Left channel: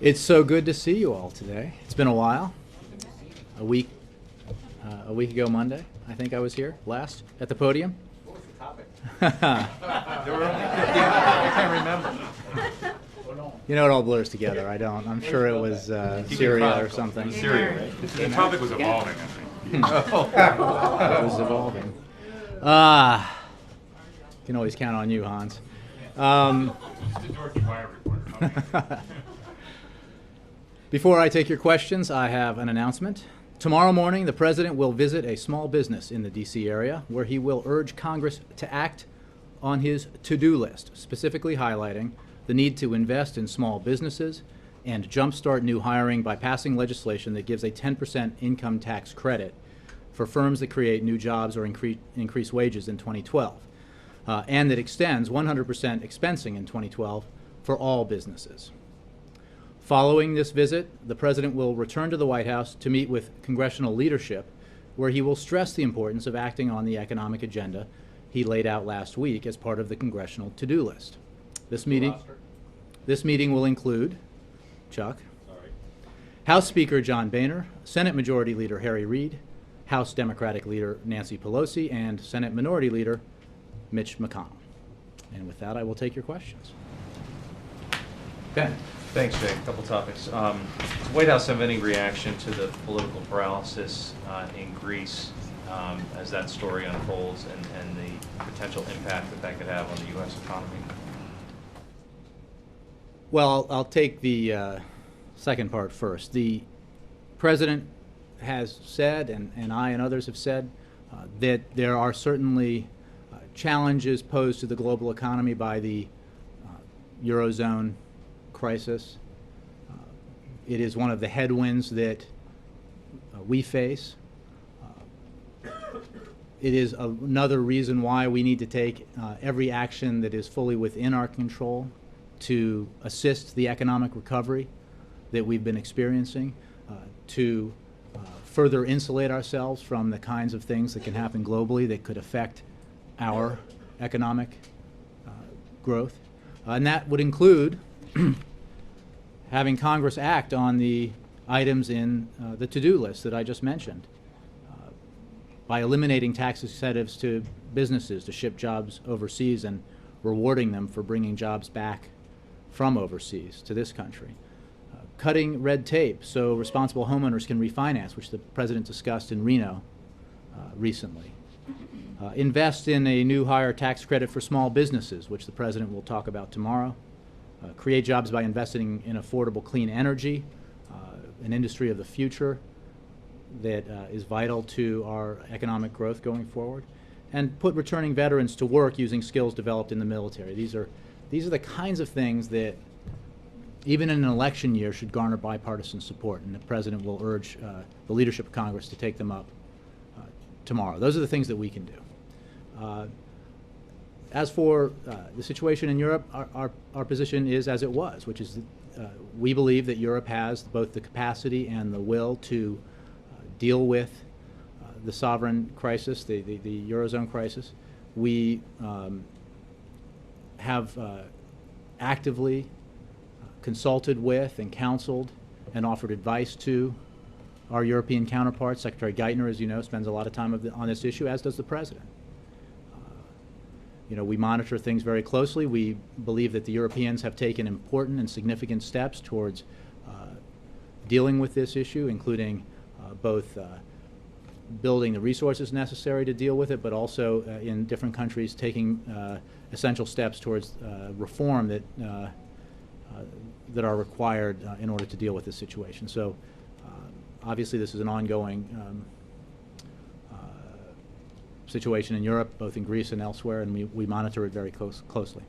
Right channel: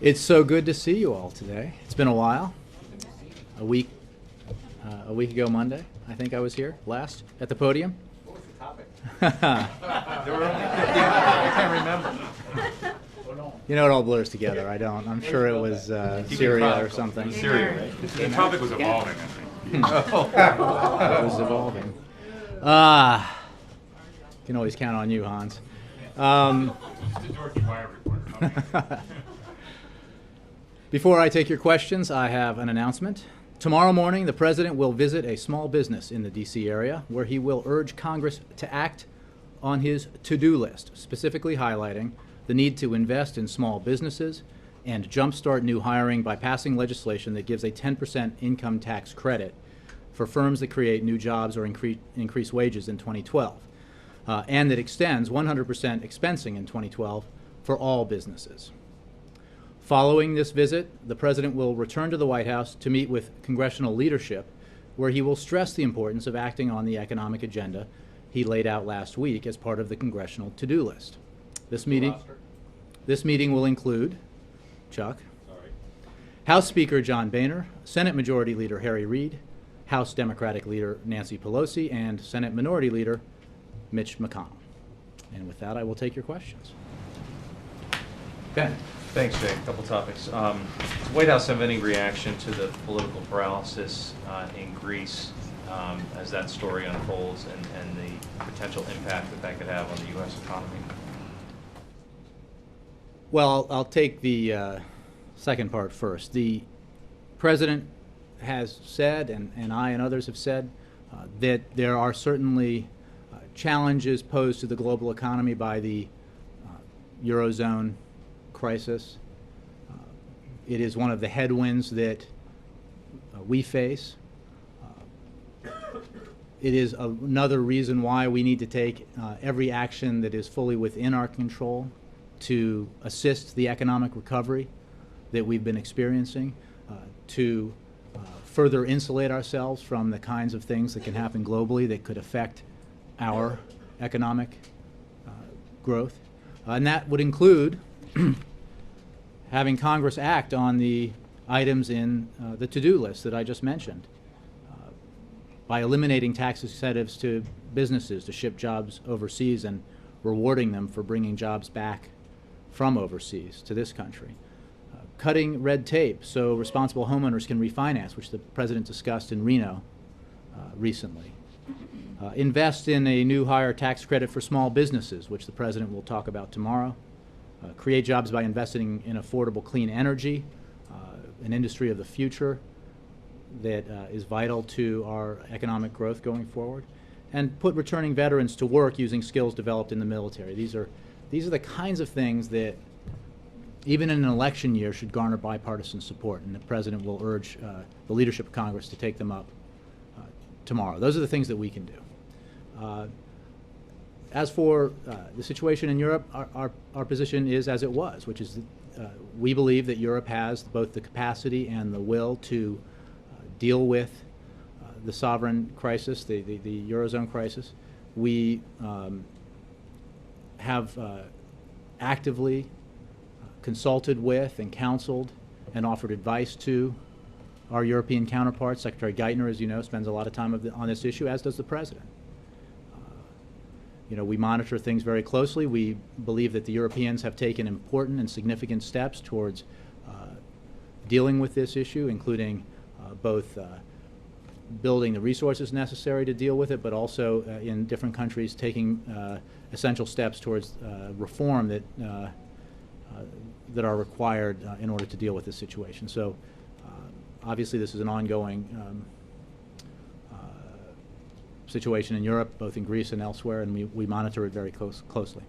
It's so good to see you all today. It's been a while. A week ago Monday, I think I was here last at the podium. What was the topic? There were only 50. I can't remember. You know, it all blurs together. I don't. I'm sure it was Syria or something. Syria, right? The topic was evolving, I think. It was evolving. Can always count on you, Hans. Just a George Wire reporter. Before I take your questions, I have an announcement. Tomorrow morning, the President will visit a small business in the D.C. area where he will urge Congress to act on his to-do list, specifically highlighting the need to invest in small businesses and jumpstart new hiring by passing legislation that gives a 10% income tax credit for firms that create new jobs or increase wages in 2012, and that extends 100% expensing in 2012 for all businesses. Following this visit, the President will return to the White House to meet with congressional leadership, where he will stress the importance of acting on the economic agenda he laid out last week as part of the congressional to-do list. This meeting will include Chuck, House Speaker John Boehner, Senate Majority Leader Harry Reid, House Democratic Leader Nancy Pelosi, and Senate Minority Leader Mitch McConnell. And with that, I will take your questions. Ben. Thanks, Jay. A couple topics. Does the White House have any reaction to the political paralysis in Greece as that story unfolds and the potential impact that could have on the U.S. economy? Well, I'll take the second part first. The President has said, and I and others have said, that there are certainly challenges posed to the global economy by the Eurozone crisis. It is one of the headwinds that we face. It is another reason why we need to take every action that is fully within our control to assist the economic recovery that we've been experiencing, to further insulate ourselves from the kinds of things that can happen globally that could affect our economic growth. And that would include having Congress act on the items in the to-do list that I just mentioned, by eliminating tax incentives to businesses to ship jobs overseas and rewarding them for bringing jobs back from overseas to this country. Cutting red tape so responsible homeowners can refinance, which the President discussed in Reno recently. Invest in a new higher tax credit for small businesses, which the President will talk about tomorrow. Create jobs by investing in affordable clean energy, an industry of the future that is vital to our economic growth going forward, and put returning veterans to work using skills developed in the military. These are the kinds of things that, even in an election year, should garner bipartisan support, and the President will urge the leadership of Congress to take them up tomorrow. Those are the things that we can do. As for the situation in Europe, our position is as it was, which is we believe that Europe has both the capacity and the will to deal with the sovereign crisis, the Eurozone crisis. We have actively consulted with and counseled and offered advice to our European counterparts. Secretary Geithner, as you know, spends a lot of time on this issue, as does the President. We monitor things very closely. We believe that the Europeans have taken important and significant steps towards dealing with this issue, including both building the resources necessary to deal with it, but also in different countries taking essential steps towards reform that are required in order to deal with this situation. So obviously this is an ongoing situation in Europe, both in Greece and elsewhere, and we monitor it very closely.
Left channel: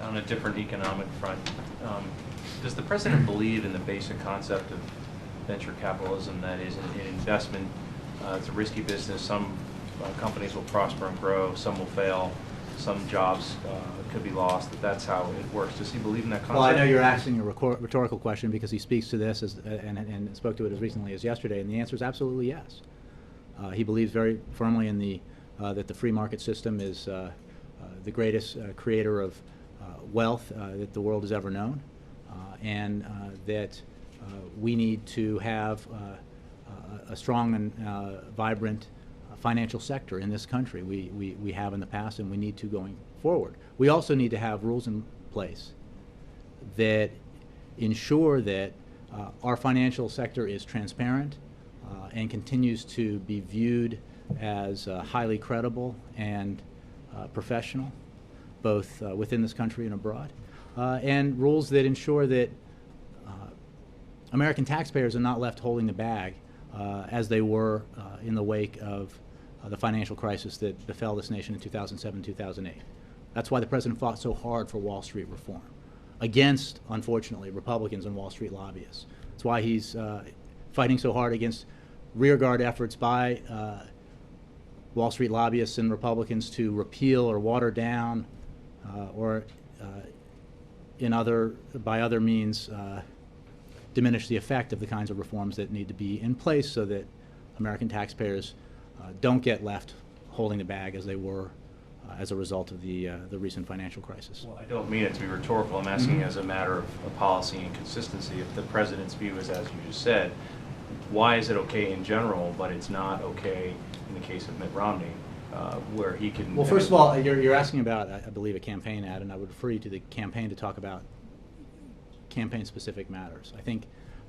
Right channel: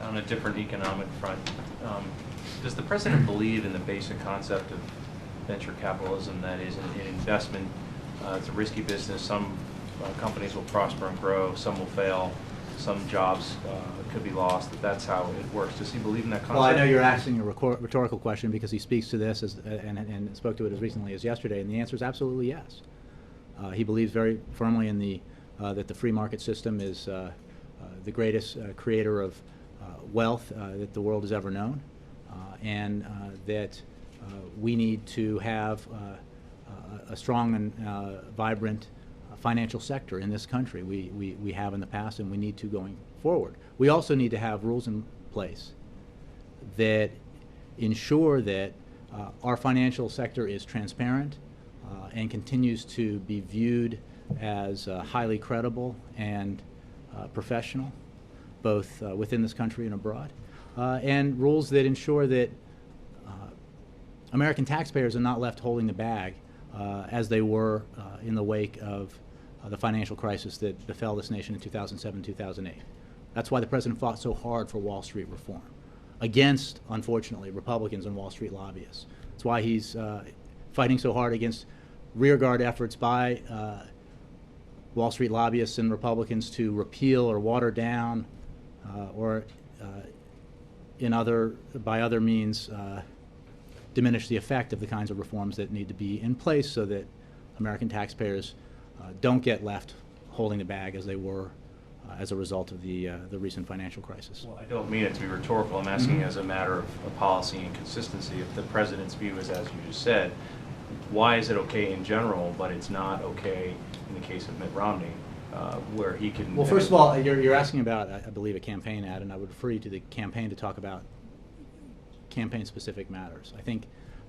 On a different economic front, does the President believe in the basic concept of venture capitalism, that is, an investment? It's a risky business. Some companies will prosper and grow, some will fail, some jobs could be lost. That's how it works. Does he believe in that concept? Well, I know you're asking a rhetorical question because he speaks to this and spoke to it as recently as yesterday, and the answer is absolutely yes. He believes very firmly in that the free market system is the greatest creator of wealth that the world has ever known, and that we need to have a strong and vibrant financial sector in this country. We have in the past, and we need to going forward. We also need to have rules in place that ensure that our financial sector is transparent and continues to be viewed as highly credible and professional, both within this country and abroad, and rules that ensure that American taxpayers are not left holding the bag as they were in the wake of the financial crisis that befell this nation in 2007, 2008. That's why the president fought so hard for Wall Street reform against, unfortunately, Republicans and Wall Street lobbyists. That's why he's fighting so hard against rearguard efforts by Wall Street lobbyists and Republicans to repeal or water down or by other means diminish the effect of the kinds of reforms that need to be in place so that American taxpayers don't get left holding the bag as they were as a result of the recent financial crisis. Well, I don't mean it to be rhetorical. I'm asking as a matter of policy and consistency. If the president's view is as you just said, why is it okay in general, but it's not okay in the case of Mitt Romney, where he can... Well, first of all, you're asking about, I believe, a campaign ad, and I would refer you to the campaign to talk about campaign-specific matters. I think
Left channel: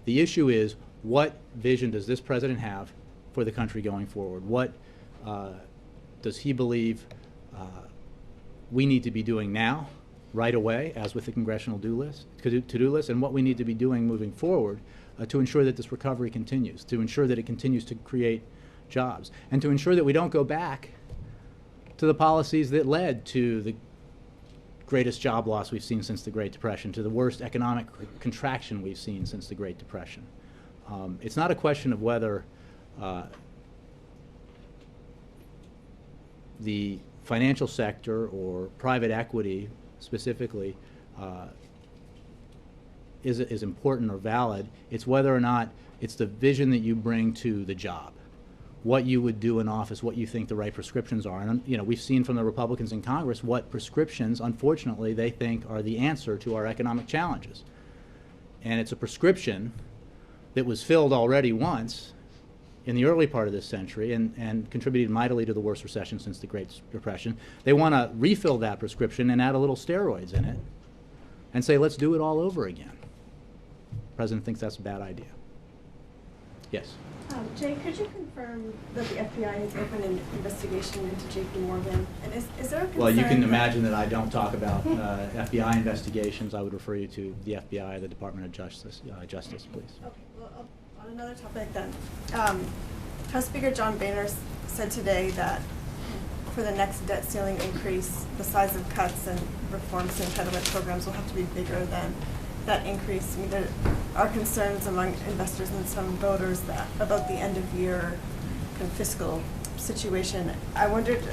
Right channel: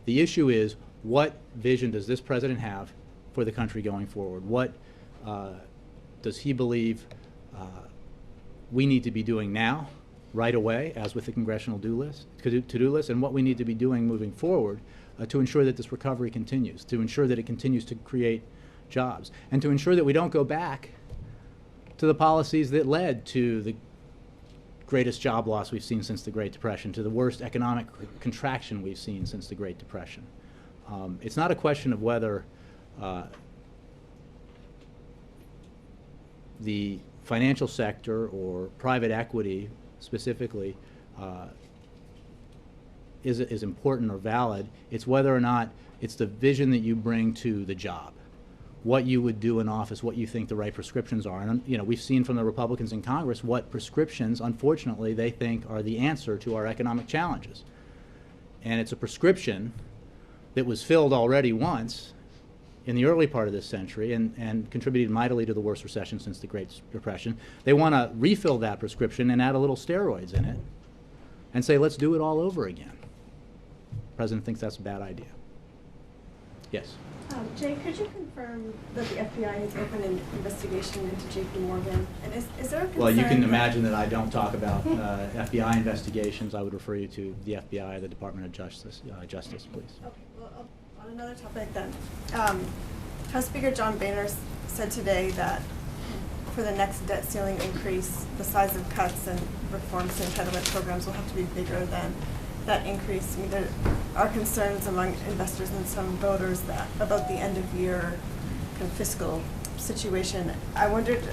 the issue is, what vision does this president have for the country going forward? What does he believe we need to be doing now, right away, as with the congressional to-do list, and what we need to be doing moving forward to ensure that this recovery continues, to ensure that it continues to create jobs, and to ensure that we don't go back to the policies that led to the greatest job loss we've seen since the Great Depression, to the worst economic contraction we've seen since the Great Depression. It's not a question of whether the financial sector or private equity specifically is important or valid. It's whether or not it's the vision that you bring to the job, what you would do in office, what you think the right prescriptions are. And we've seen from the Republicans in Congress what prescriptions, unfortunately, they think are the answer to our economic challenges. And it's a prescription that was filled already once in the early part of this century and contributed mightily to the worst recession since the Great Depression. They want to refill that prescription and add a little steroids in it and say, let's do it all over again. The president thinks that's a bad idea. Yes? Jay, could you confirm that the FBI has opened an investigation into J.P. Morgan? And is there a concern? Well, you can imagine that I don't talk about FBI investigations. I would refer you to the FBI, the Department of Justice, please. Okay, well, on another topic then, House Speaker John Boehner said today that for the next debt ceiling increase, the size of cuts and reforms to entitlement programs will have to be bigger than that increase. I mean, there are concerns among investors and some voters about the end of year kind of fiscal situation. I wondered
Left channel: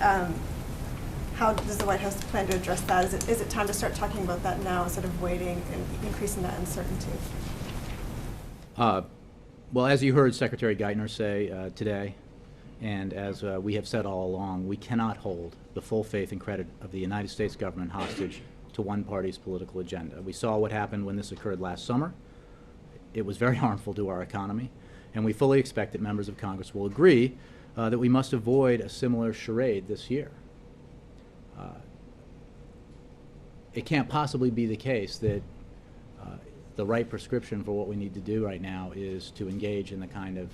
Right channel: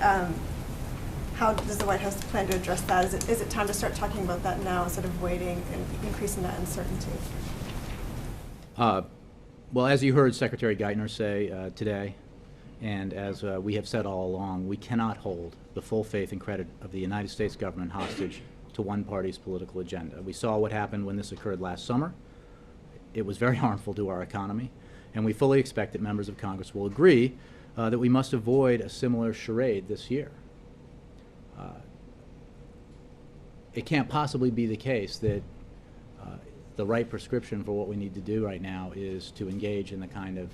how does the White House plan to address that? Is it time to start talking about that now instead of waiting and increasing that uncertainty? Well, as you heard Secretary Geithner say today, and as we have said all along, we cannot hold the full faith and credit of the United States government hostage to one party's political agenda. We saw what happened when this occurred last summer. It was very harmful to our economy, and we fully expect that members of Congress will agree that we must avoid a similar charade this year. It can't possibly be the case that the right prescription for what we need to do right now is to engage in the kind of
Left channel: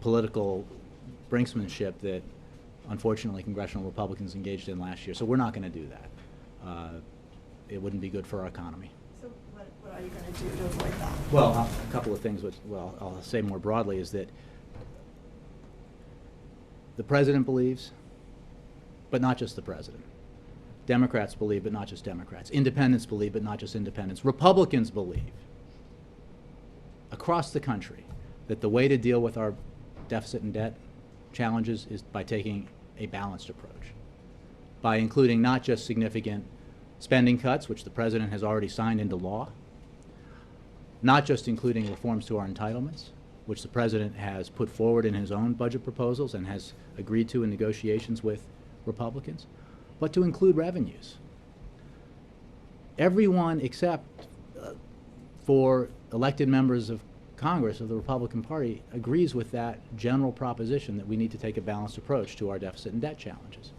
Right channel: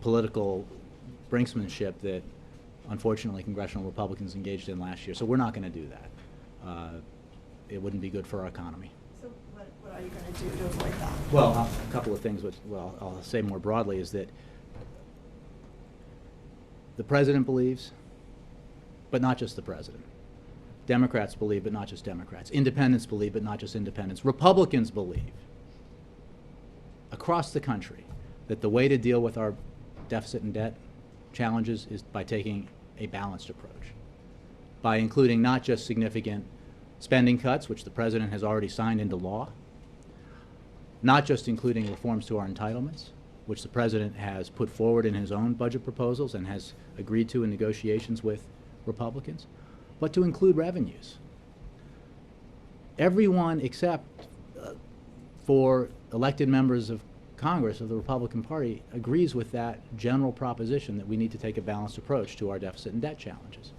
political brinksmanship that unfortunately congressional Republicans engaged in last year. So we're not going to do that. It wouldn't be good for our economy. So what are you going to do to avoid that? Well, a couple of things which, I'll say more broadly is that the president believes, but not just the president. Democrats believe, but not just Democrats. Independents believe, but not just independents. Republicans believe across the country that the way to deal with our deficit and debt challenges is by taking a balanced approach, by including not just significant spending cuts, which the president has already signed into law, not just including reforms to our entitlements, which the president has put forward in his own budget proposals and has agreed to in negotiations with Republicans, but to include revenues. everyone except for elected members of Congress of the Republican Party agrees with that general proposition that we need to take a balanced approach to our deficit and debt challenges.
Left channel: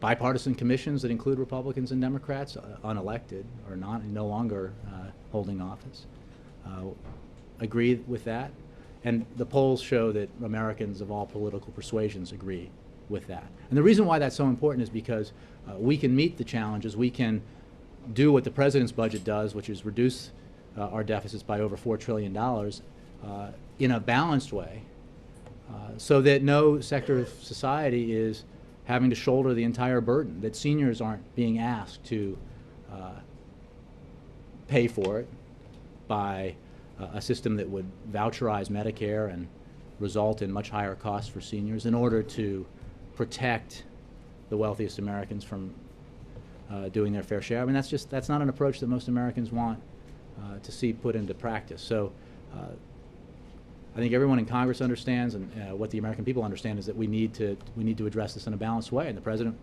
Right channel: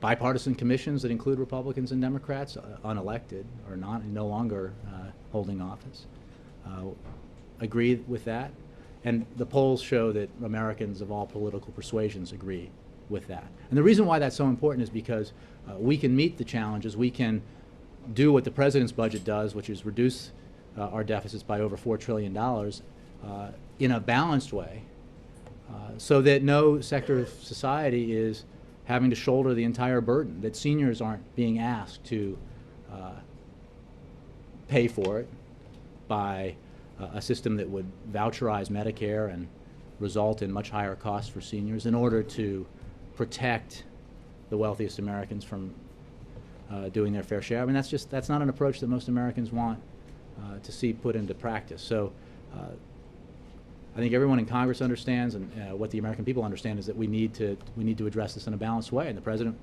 Bipartisan commissions that include Republicans and Democrats, unelected or no longer holding office, agree with that. And the polls show that Americans of all political persuasions agree with that. And the reason why that's so important is because we can meet the challenges. We can do what the president's budget does, which is reduce our deficits by over $4 trillion in a balanced way, so that no sector of society is having to shoulder the entire burden, that seniors aren't being asked to pay for it by a system that would voucherize Medicare and result in much higher costs for seniors in order to protect the wealthiest Americans from doing their fair share. I mean, that's not an approach that most Americans want to see put into practice. So I think everyone in Congress understands, and what the American people understand is that we need to address this in a balanced way. And the president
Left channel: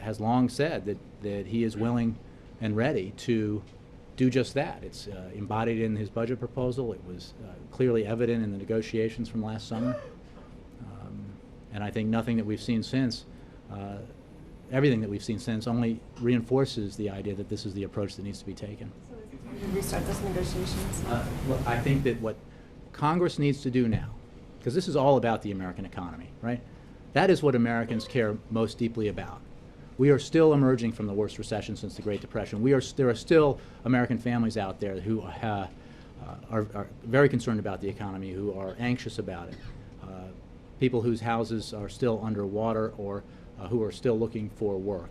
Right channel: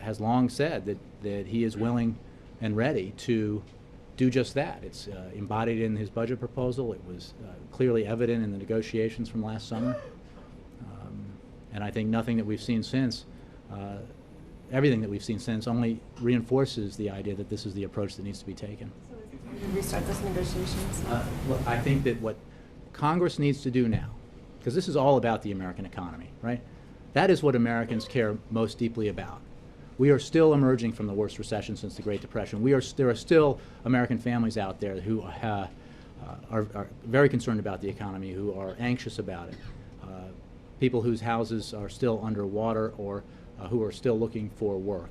has long said that he is willing and ready to do just that. It's embodied in his budget proposal. It was clearly evident in the negotiations from last summer. And I think nothing that we've seen since, everything that we've seen since, only reinforces the idea that this is the approach that needs to be taken. So we can restart those negotiations. Well, I think that what Congress needs to do now, because this is all about the American economy, right? That is what Americans care most deeply about. We are still emerging from the worst recession since the Great Depression. There are still American families out there who are very concerned about the economy, who are anxious about it. People whose houses are still underwater or who are still looking for work.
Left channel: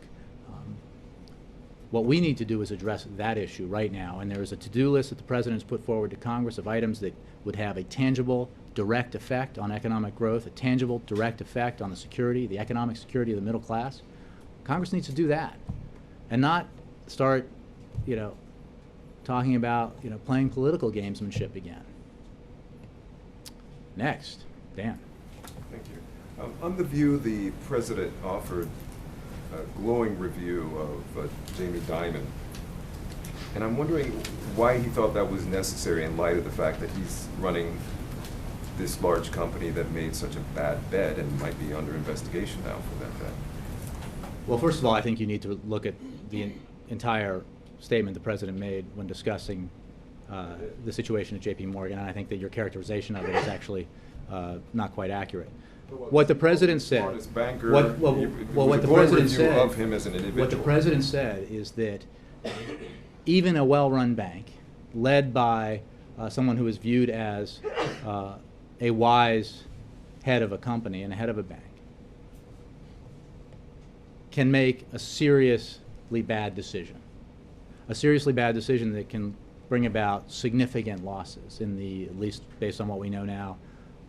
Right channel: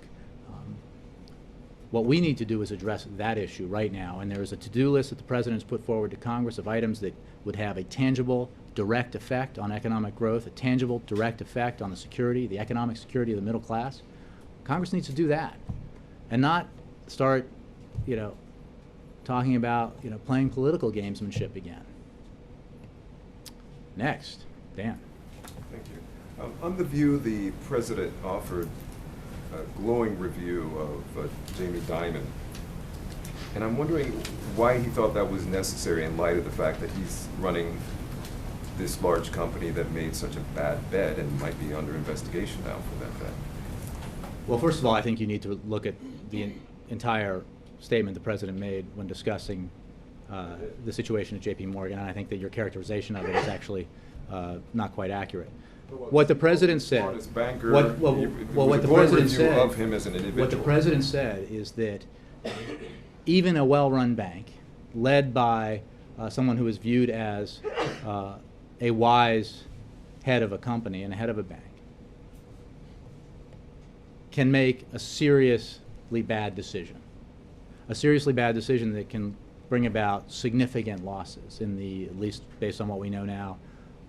What we need to do is address that issue right now, and there is a to-do list that the President's put forward to Congress of items that would have a tangible, direct effect on economic growth, a tangible, direct effect on the economic security of the middle class. Congress needs to do that, and not start, talking about, playing political gamesmanship again. Next, Dan. Thank you. On the view, the president offered a glowing review of Jamie Dimon, and I'm wondering why he thought that was necessary in light of the fact that he's running this large company that made such a bad bet and might be under investigation now for that bet. Well, first of all, I think you need to look at the entire statement the president made when discussing the situation at J.P. Morgan, and I think that your characterization of it is actually not quite accurate. What the president said, what the president said of him as an individual. What the president said is that even a well-run bank, led by someone who is viewed as a wise head of a company and a head of a bank, can make a seriously bad decision. A seriously bad decision that can bring about significant losses in the, at least based on what we know now,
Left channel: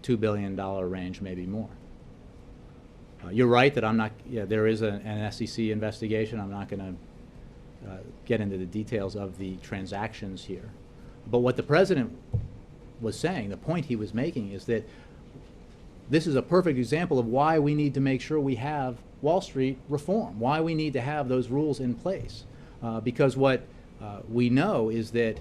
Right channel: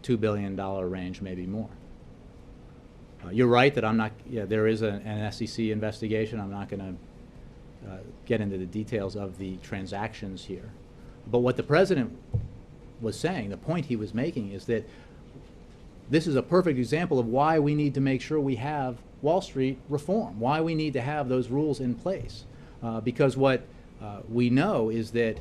$2 billion range, maybe more. You're right that I'm not, there is an SEC investigation. I'm not going to get into the details of the transactions here. But what the president was saying, the point he was making, is that this is a perfect example of why we need to make sure we have Wall Street reform, why we need to have those rules in place. Because what we know is that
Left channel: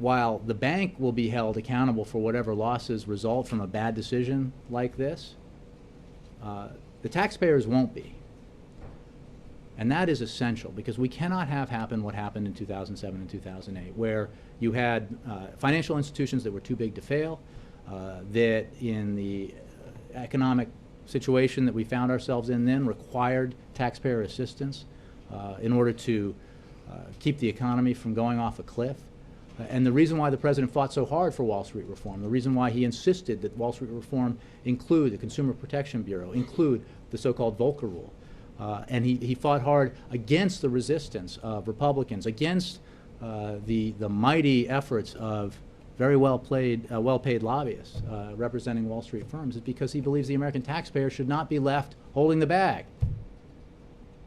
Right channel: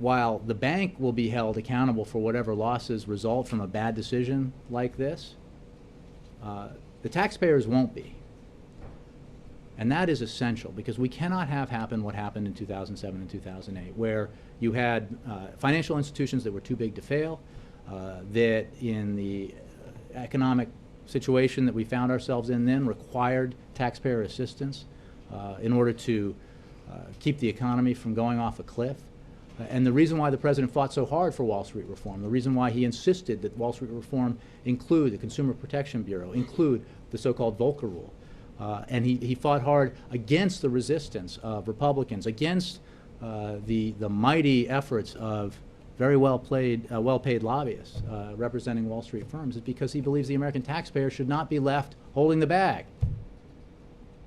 while the bank will be held accountable for whatever losses result from a bad decision like this, the taxpayers won't be. And that is essential, because we cannot have happen what happened in 2007 and 2008, where you had financial institutions that were too big to fail, that in the economic situation that we found ourselves in then required taxpayer assistance in order to keep the economy from going off a cliff. And the reason why the president fought so hard for Wall Street reform, the reason why he insisted that Wall Street reform include the Consumer Protection Bureau, include the so-called Volcker Rule, and he fought hard against the resistance of Republicans, against the mighty efforts of very well-paid lobbyists representing Wall Street firms, is because he believes the American taxpayer should not be left holding the bag.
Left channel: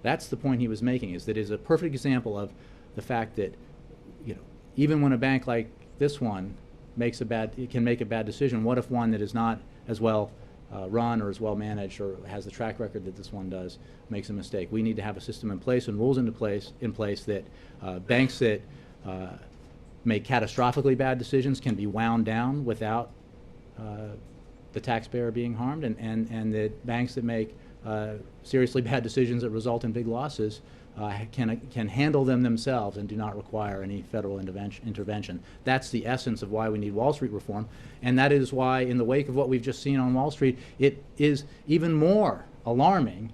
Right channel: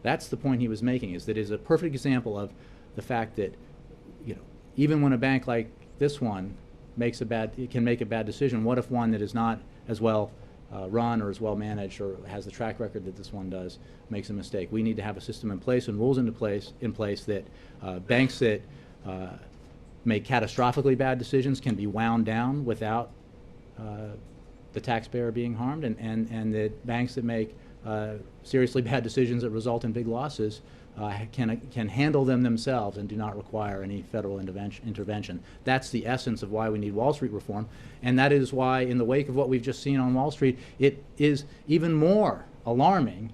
That's the point he was making, is that it is a perfect example of the fact that, even when a bank like this one can make a bad decision, what if one that is not as well run or is well managed or has the track record that this one does makes a mistake. We need to have a system in place and rules in place that banks that make catastrophically bad decisions can be wound down without the taxpayer being harmed, and that banks that make seriously bad decisions that result in big losses can handle them themselves and do not require any federal intervention. That's the essence of why we need Wall Street reform, and that is why, in the wake of what we've just seen on Wall Street, it is even more alarming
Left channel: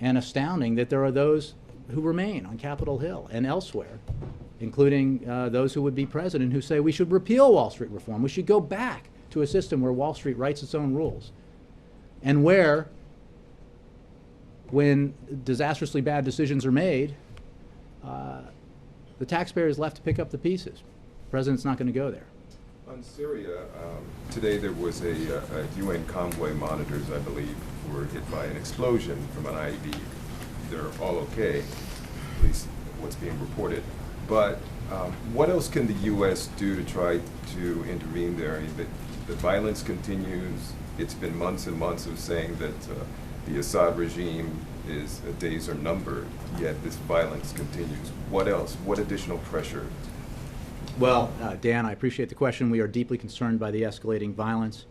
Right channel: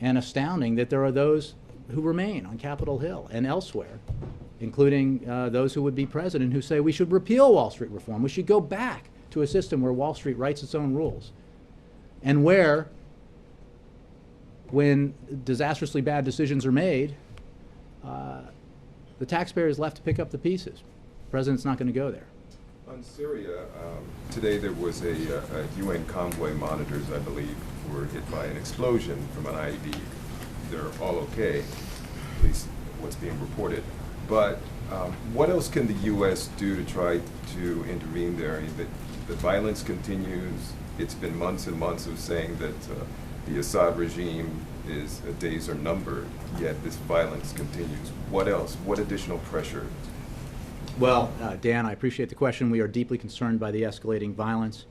and astounding that there are those who remain on Capitol Hill and elsewhere, including those who would be president, who say we should repeal Wall Street reform. We should go back to a system where Wall Street writes its own rules, and where, when disastrously bad decisions are made, the taxpayer is left to pick up the pieces. The president's not going to go there. On Syria, today there was a UN convoy monitors, I believe, were hit by an explosion from an IED. They're all okay, at least what's being reported. But what else can the U.S. do to try to intervene there? I mean, the violence continues. It's been months and months of saying that the Assad regime days are numbered, yet this violence continues. What else? What additional pressure? Well, Dan, I appreciate the question. We are deeply concerned by the escalating violence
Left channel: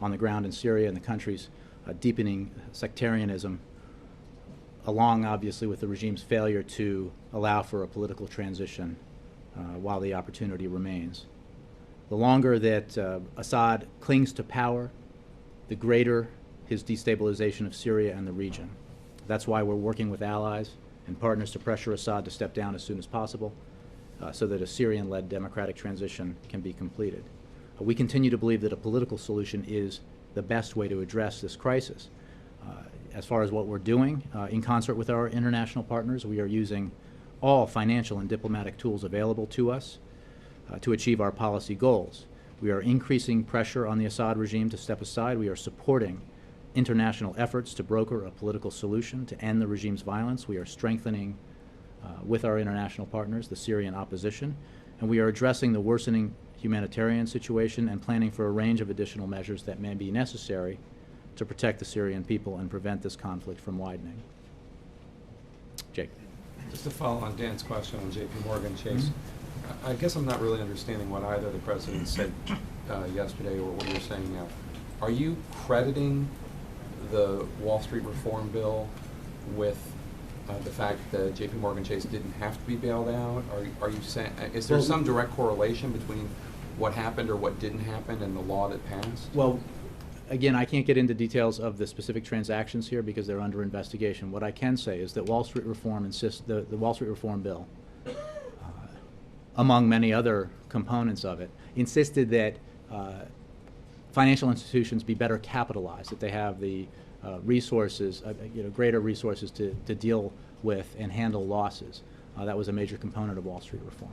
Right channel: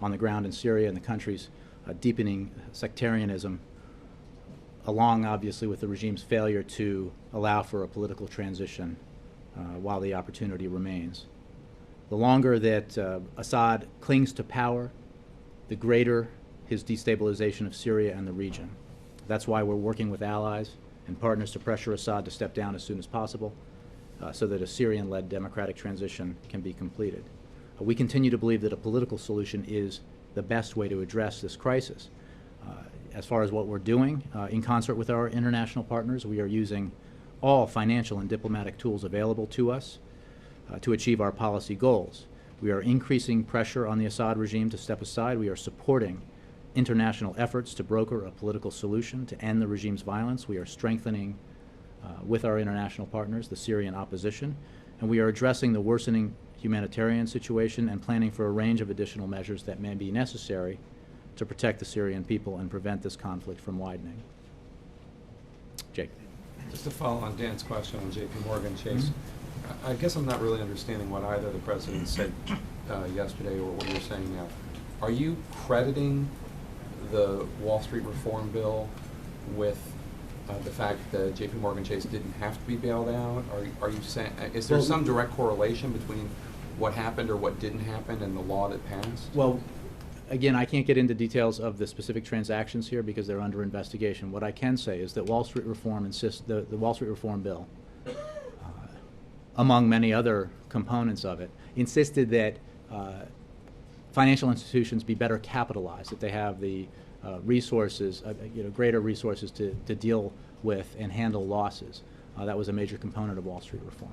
on the ground in Syria and the country's deepening sectarianism, along, obviously, with the regime's failure to allow for a political transition while the opportunity remains. The longer that Assad clings to power, the greater his destabilization of Syria and the region. That's why we're working with allies and partners to pressure Assad to step down as soon as possible so that a Syrian-led democratic transition can be completed. We continue to believe that a political solution is the best way to address this crisis. As far as what we're doing, in concert with our international partners, we are using all financial and diplomatic tools available to us to achieve our policy goals. We are increasing pressure on the Assad regime to step aside. We are supporting international efforts to broker a political solution to end the regime's violence. We are strengthening, with our international partners, the Syrian opposition, and we are addressing the worsening humanitarian situation and planning for a range of additional measures that may be necessary to protect the Syrian people and prevent this conflict from widening. Jake. Just to follow on Dan's question on JP Morgan Chase, I guess I'm not really understanding what either the president said yesterday or what you're saying now. Are you crediting the Wall Street reform bill with the fact that JP Morgan Chase didn't have to be bailed out? Are you saying, is there some direct correlation between what happened or what didn't happen and the law that passed? Well, again, I can't get into details of the specific transactions here because they're under investigation. What I can say is that Wall Street reform the Wall Street reform bill, among many other components of it, insisted that financial institutions be better capitalized, that they have the resources, greater resources to deal with and handle losses. That was a major component of Wall Street reform.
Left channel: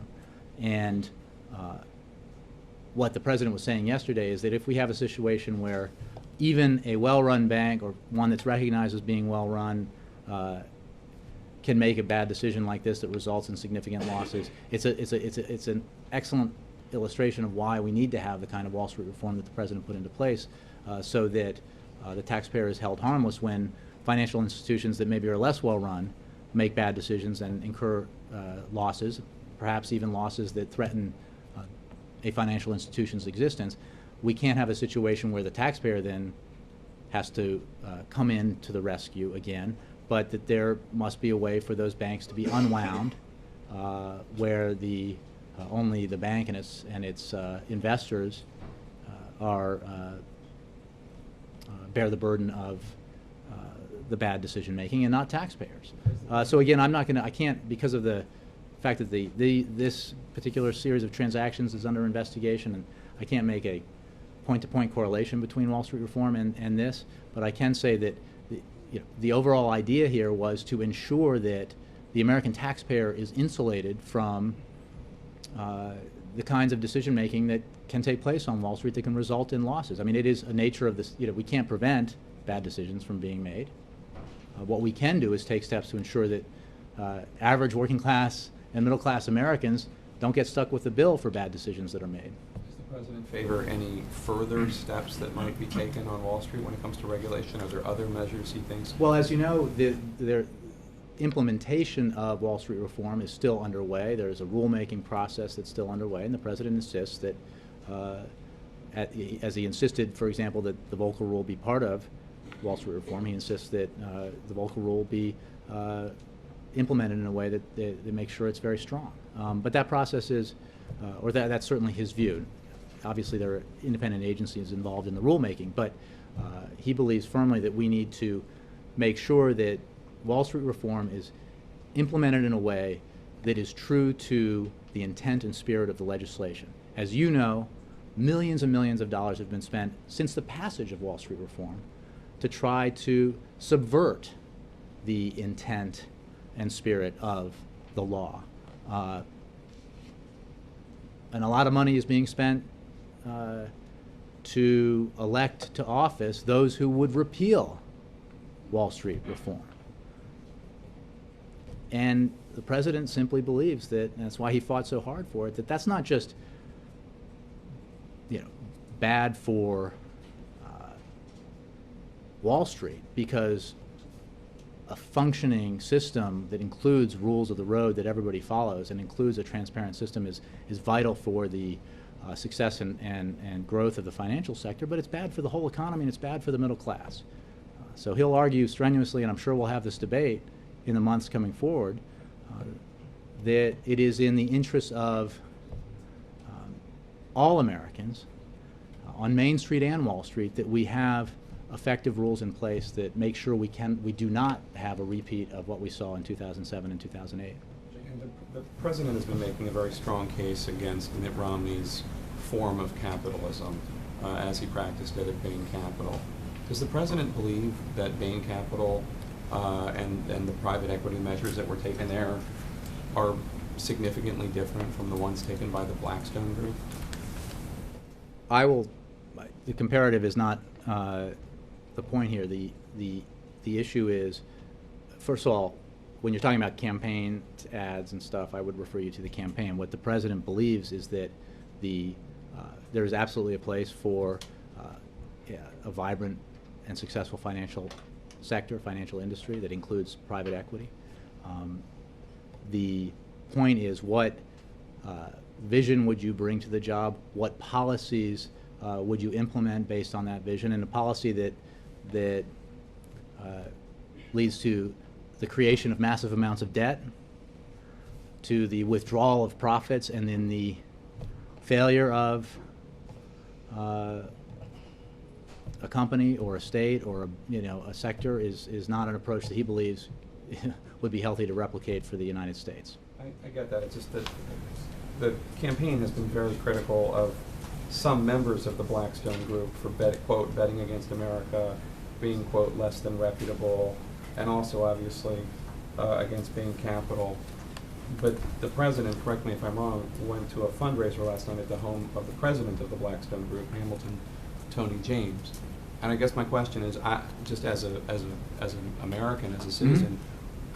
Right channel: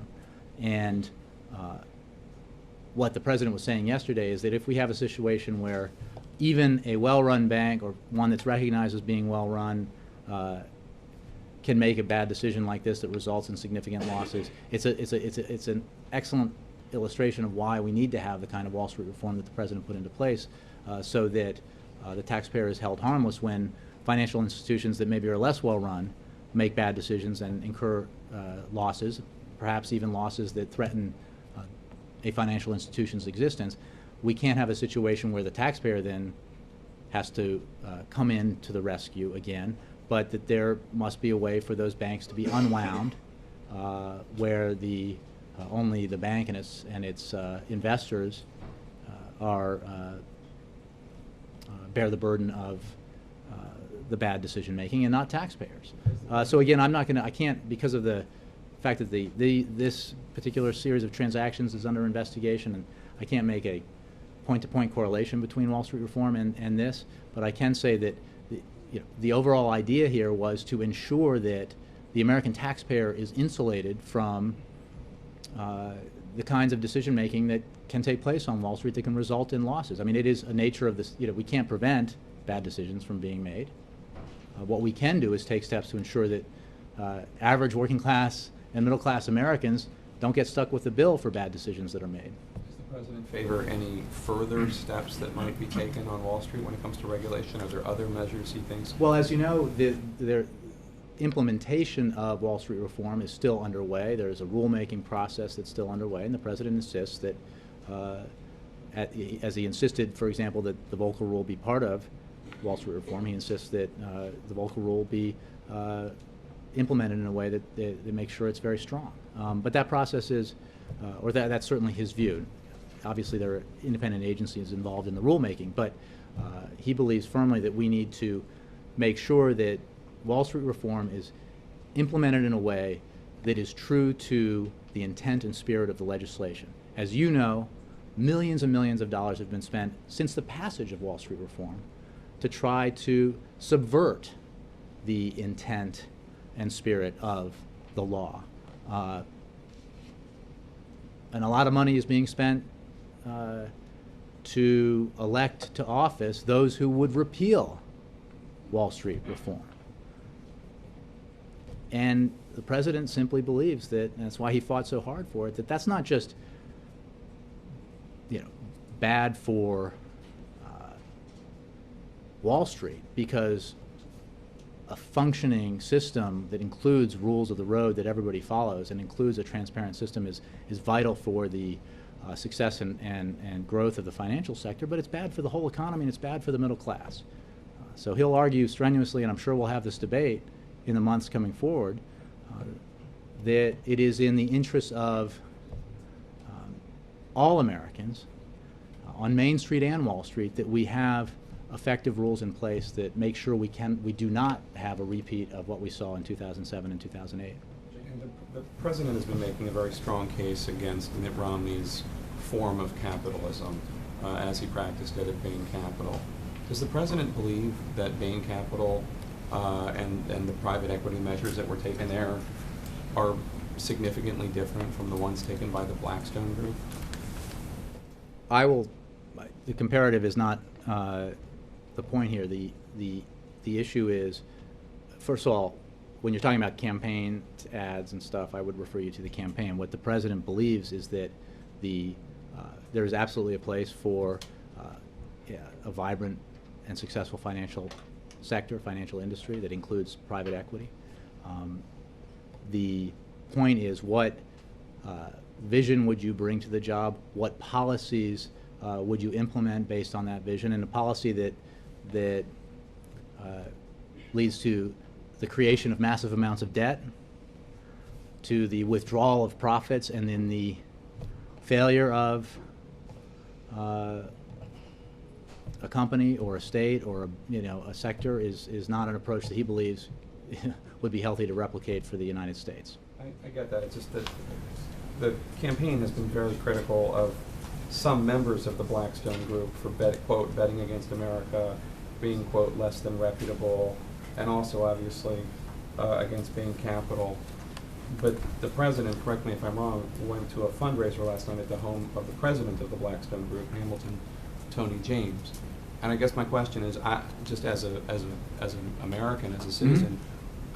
And what the president was saying yesterday is that if we have a situation where even a well-run bank or one that's recognized as being well-run can make a bad decision like this that results in significant losses, it's an excellent illustration of why we need to have the kind of Wall Street reform that the president put into place so that the taxpayer is held harmless when financial institutions that maybe are less well-run make bad decisions and incur losses, perhaps even losses that threaten a financial institution's existence. We can't have a situation where the taxpayer then has to come in to the rescue again, but that there must be a way for those banks to be unwound where only the bank and its investors bear the burden of the bad decision making and not taxpayers. So again, I can't, because of the fact that this particular series of transactions is under investigation, and I can't make a point-to-point correlation between Wall Street reform and this, but I can say that the overall idea here was to ensure that the American taxpayer is insulated from the kinds of decision-making that can take place on Wall Street that can result in losses. I mean, it is a nature of this, we can't prevent bad decisions from being made. What we can do is take steps to ensure that average working class and middle class Americans don't get stuck with the bill for bad decisions that are made. Is the President favor any further steps that might be taken on Wall Street when it comes to regulation? Are there other measures he thinks? Well, as you know, the implementation of Wall Street reform is still underway. There's a rulemaking process that's still underway, and the president insists that, as he insisted, for example, that the Volcker Rule be part of Wall Street reform, he insists that the Volcker Rule be implemented in a way that makes sure it's very strong. But that process is, or that's certainly his view. Obviously, there are independent agencies involved in the rulemaking, but he believes firmly that we need to make sure that Wall Street reform is implemented in a way that is true to the intent and spirit of the legislation. As you know, millions and millions of dollars have been spent since the passage of Wall Street reform to try to subvert the intent and spirit of the law. And a lot of money is being spent to elect to office those who would repeal Wall Street reform. And the president simply believes that, and that's why he fought so hard for it, that that's not just, bad for Wall Street, because a functioning system that includes rules of the road that everybody follows and includes a transparent system is vital for the success and growth of the financial sector, but it's bad for the whole economy and it's bad for the middle class. So he'll argue strenuously, and I'm sure we'll have this debate in the months coming forward, that it is in the interest of all Americans on Main Street and Wall Street that we have effective rules in place that make sure we do not have a repeat of what we saw in 2007 and 2008. And the president has been making a very strong case against Mitt Romney's form of capitalism as he practiced it at Bain Capital. Does the president believe that Bain Capital and the private equity measures that were taken there are significantly different from the ones taken by the Blackstone Group? The comparative is not the point here. The issue is, first of all, when you're talking about campaign ads and stuff, I would refer you to the campaign. What the president believes is that there is absolutely a place for a vibrant and successful financial sector, financial industry that includes private equity. The point is, what vision would you bring to the job? What policies would you implement based on that vision? And a policy that leads to the creation of massive amounts of debt, to the withdrawal of profits, and then the failure of a company or a state or a sector is not an approach that he believes would be healthy to replicate for the United States. I get that. It's just that the campaign has been very critical of some members of the Blackstone Group for, quote, betting against America, being, quote, less than reputable, and also, obviously, against Bain Capital. But the president, correct me if I'm wrong, went to a fundraiser last night at the home of the president of the Blackstone Group, Hamilton, Tony James. And I guess my question is, just as an American, as a citizen,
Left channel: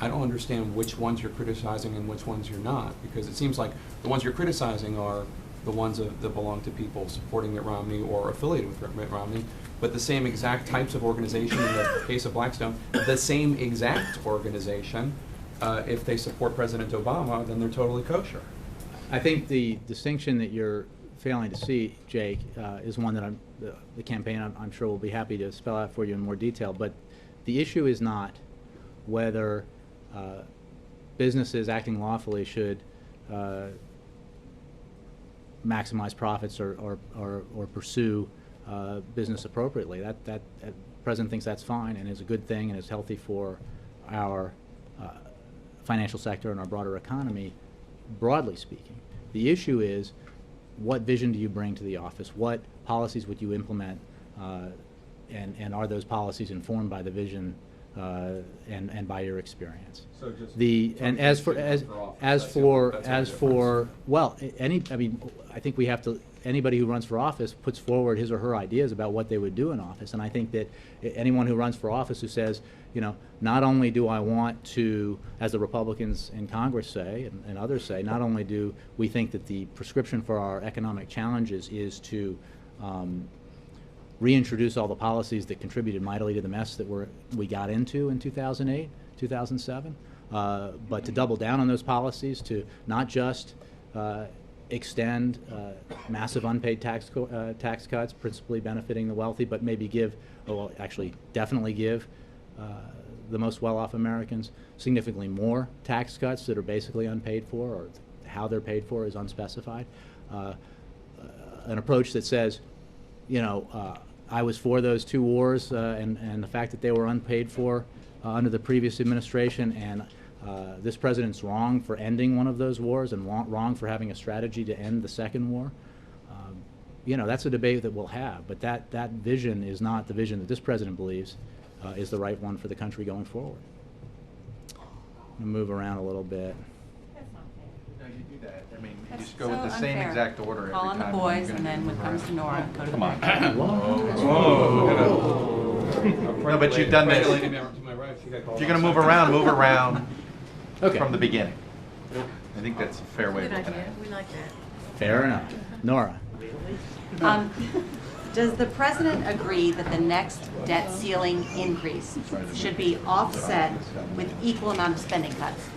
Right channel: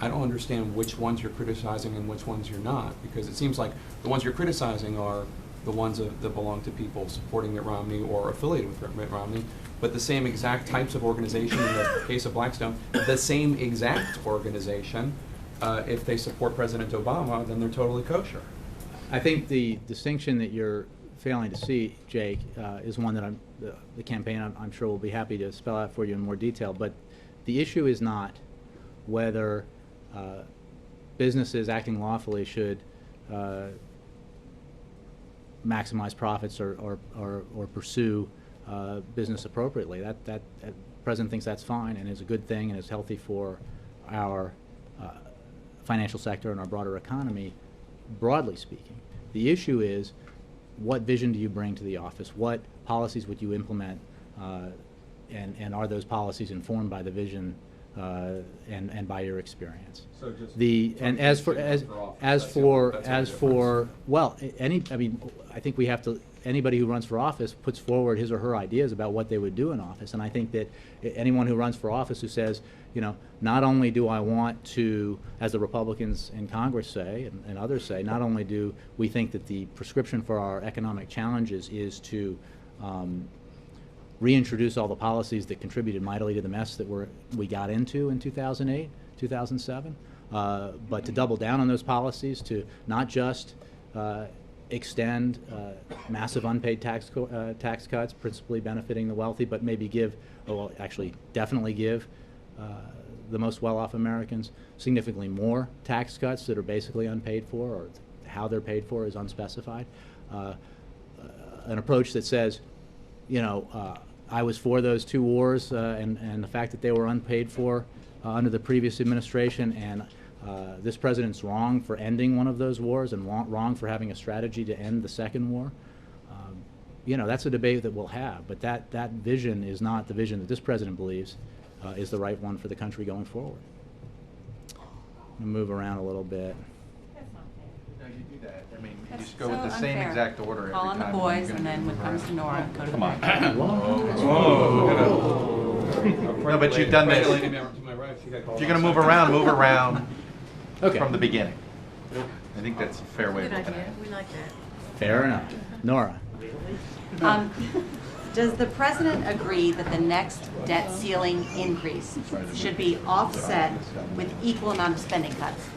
I don't understand which ones you're criticizing and which ones you're not, because it seems like the ones you're criticizing are the ones that belong to people supporting Mitt Romney or affiliated with Mitt Romney, but the same exact types of organization, in the case of Blackstone, the same exact organization, if they support President Obama, then they're totally kosher. I think the distinction that you're failing to see, Jake, is one that the campaign, I'm sure, will be happy to spell out for you in more detail, but the issue is not whether businesses acting lawfully should maximize profits or pursue business appropriately. That President thinks that's fine and is a good thing and is healthy for our financial sector and our broader economy, broadly speaking. The issue is, what vision do you bring to the office? What policies would you implement? And are those policies informed by the vision and by your experience? So just I think we have to anybody who runs for office puts forward his or her ideas about what they would do in office. And I think that anyone who runs for office who says, you know, not only do I want to, as the Republicans in Congress say and others say, not only do we think that the prescription for our economic challenges is to reintroduce all the policies that contributed mightily to the mess that we got into in 2008, 2007, but to double down on those policies, to not just extend massive unpaid tax cuts, principally benefiting the wealthy, but maybe give, or well, actually definitely give the most well-off Americans significantly more tax cuts that are basically unpaid for, or how they're paid for is unspecified. An approach that says, you know, I was for those two wars and the fact that they were unpaid for under the previous administration, and this president's wrong for ending one of those wars and wrong for having a strategy to end the second war. You know, that's a debate that we'll have, but that vision is not the vision that this president believes is the right one for the country going forward. I'm going to move around a little bit. No, you do that. I mean, you That's just go with the so same unfair. exact order every Call time. on the and boys, you're and gonna then move when it comes to around. Nora, go to the Come on. back. No, but you've done this. If you're going to move around Okay. from the beginning. I think that's a fair way of looking at it. We like that. Fair enough. Nora. Does the president agree that the next debt ceiling increase should be offset with equal amount of spending cuts?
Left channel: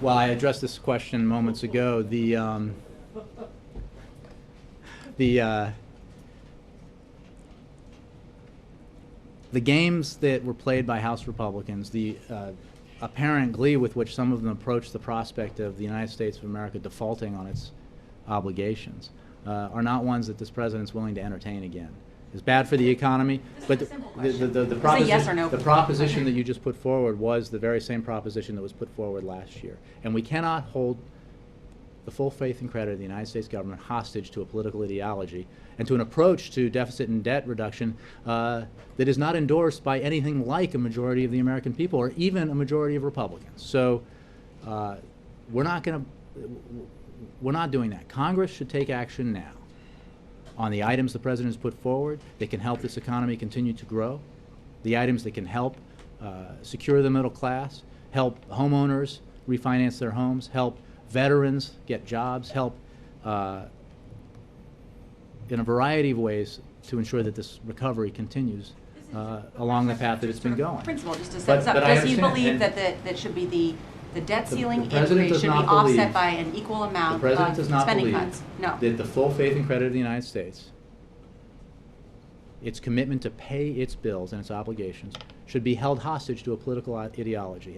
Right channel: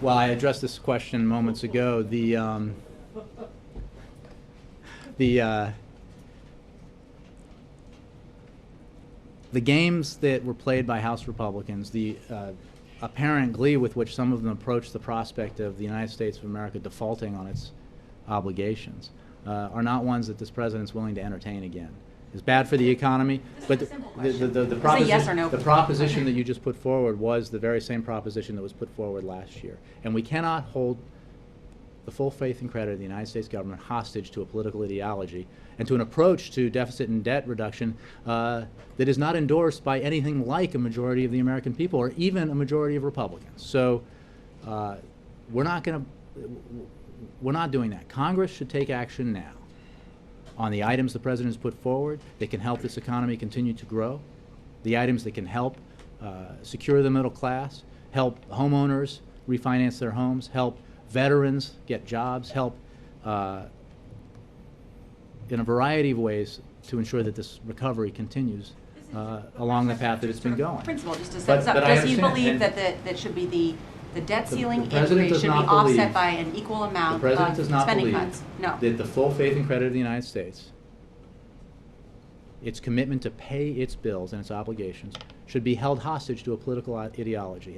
Well, I addressed this question moments ago. The games that were played by House Republicans, the apparent glee with which some of them approached the prospect of the United States of America defaulting on its obligations, are not ones that this president's willing to entertain again. It's bad for the economy, but the yes or no. the proposition that you just put forward was the very same proposition that was put forward last year. And we cannot hold the full faith and credit of the United States government hostage to a political ideology and to an approach to deficit and debt reduction that is not endorsed by anything like a majority of the American people or even a majority of Republicans. So we're not doing that. Congress should take action now on the items the president has put forward that can help this economy continue to grow, the items that can help secure the middle class, help homeowners refinance their homes, help veterans get jobs, help in a variety of ways to ensure that this recovery continues along the path that it's been going. Principal, just to set this up, But I does he understand, believe and that should be the debt ceiling the president increase does should be not offset believe- by an equal The amount president does of not spending believe cuts? No. that the full faith and credit of the United States, its commitment to pay its bills and its obligations, should be held hostage to a political ideology.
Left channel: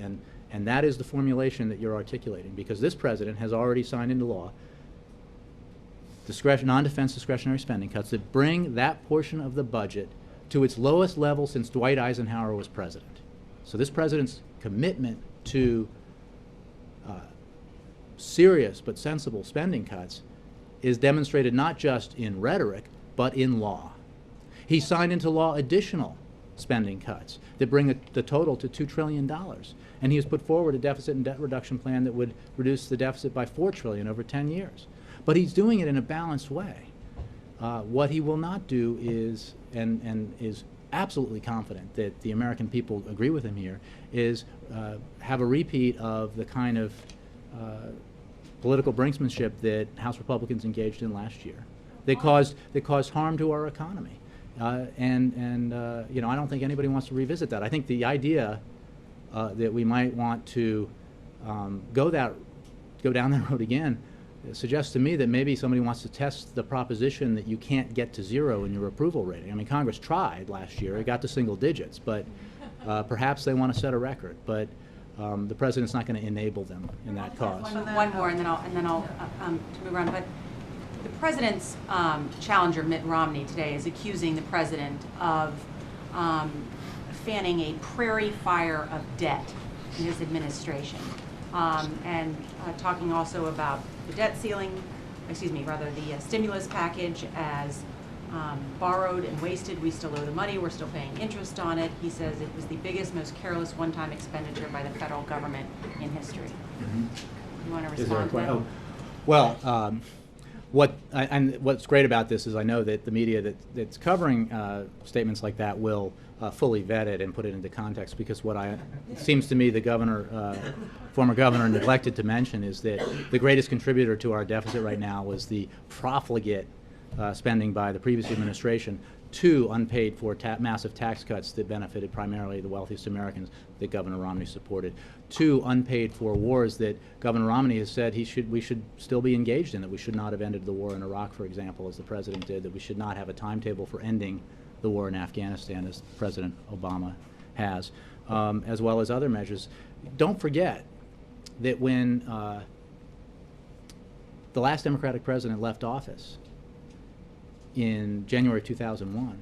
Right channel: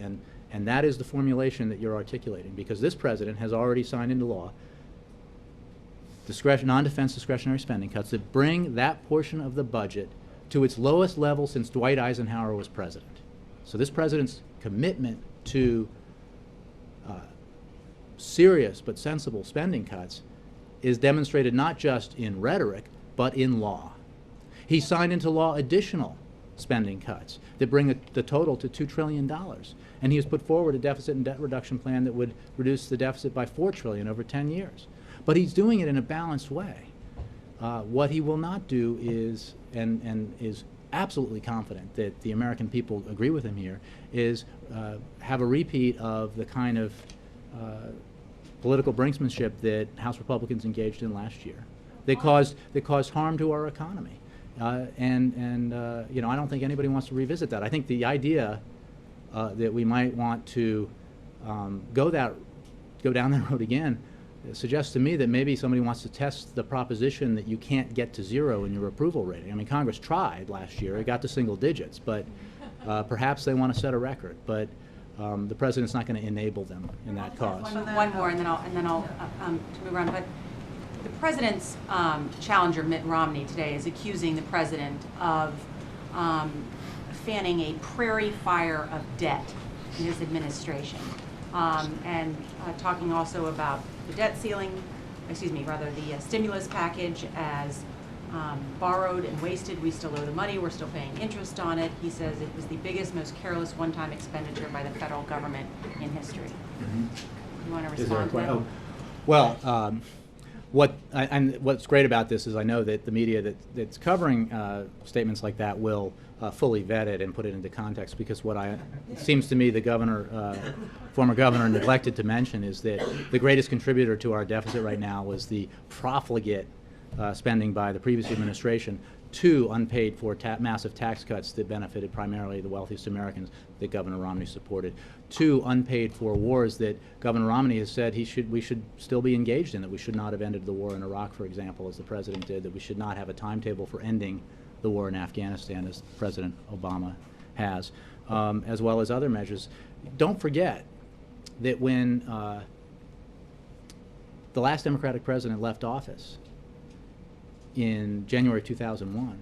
And that is the formulation that you're articulating, because this president has already signed into law non-defense discretionary spending cuts that bring that portion of the budget to its lowest level since Dwight Eisenhower was president. So this president's commitment to serious but sensible spending cuts is demonstrated not just in rhetoric, but in law. He signed into law additional spending cuts that bring the total to $2 trillion. And he has put forward a deficit and debt reduction plan that would reduce the deficit by $4 trillion over 10 years. But he's doing it in a balanced way. What he will not do is, and is absolutely confident that the American people agree with him here, is have a repeat of the kind of political brinksmanship that House Republicans engaged in last year that caused harm to our economy. You know, I don't think anybody wants to revisit that. I think the idea that we might want to go down that road again suggests to me that maybe somebody wants to test the proposition that you can't get to zero in your approval rating. I mean, Congress tried last year; it got to single digits, but perhaps they want to set a record. But the president's not going to enable them in that cause. One more, and then I'll to move on. But the president's challenger, Mitt Romney, today is accusing the president of fanning a prairie fire of debt in his administration, and talking also about the debt ceiling, the stimulus package as borrowed and wasted. We still owe the money. We're still paying interest on it. He says it was the biggest, most careless one-time expenditure by the federal government in history. You want to Is there a respond to that? Well, And what's great about this is I know that the media that's covering statements like that will fully vet it and put it into context, because it seems to me the former governor neglected to mention is that the greatest contributor to our deficit right now was the profligate spending by the previous administration, 2 unpaid for massive tax cuts that benefited primarily the wealthiest Americans that Governor Romney supported, 2 unpaid for wars that Governor Romney has said we should still be engaged in, that we should not have ended the war in Iraq, for example, as the president did, that we should not have a timetable for ending the war in Afghanistan, as President Obama has, as well as other measures. Don't forget that when the last Democratic president left office in January 2001,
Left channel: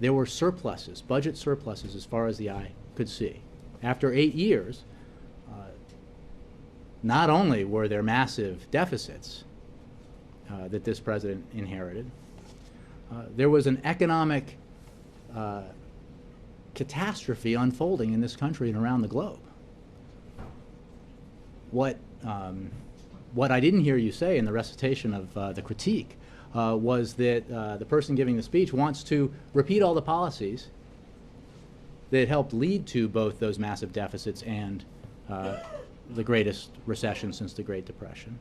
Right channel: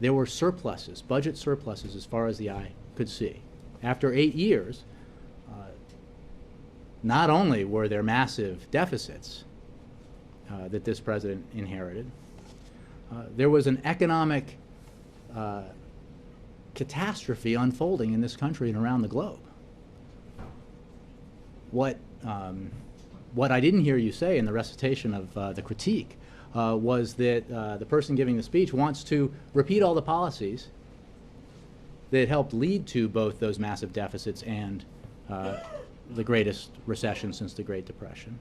there were surpluses, budget surpluses, as far as the eye could see. After 8 years, not only were there massive deficits that this president inherited, there was an economic catastrophe unfolding in this country and around the globe. What I didn't hear you say in the recitation of the critique was that the person giving the speech wants to repeat all the policies that helped lead to both those massive deficits and the greatest recession since the Great Depression.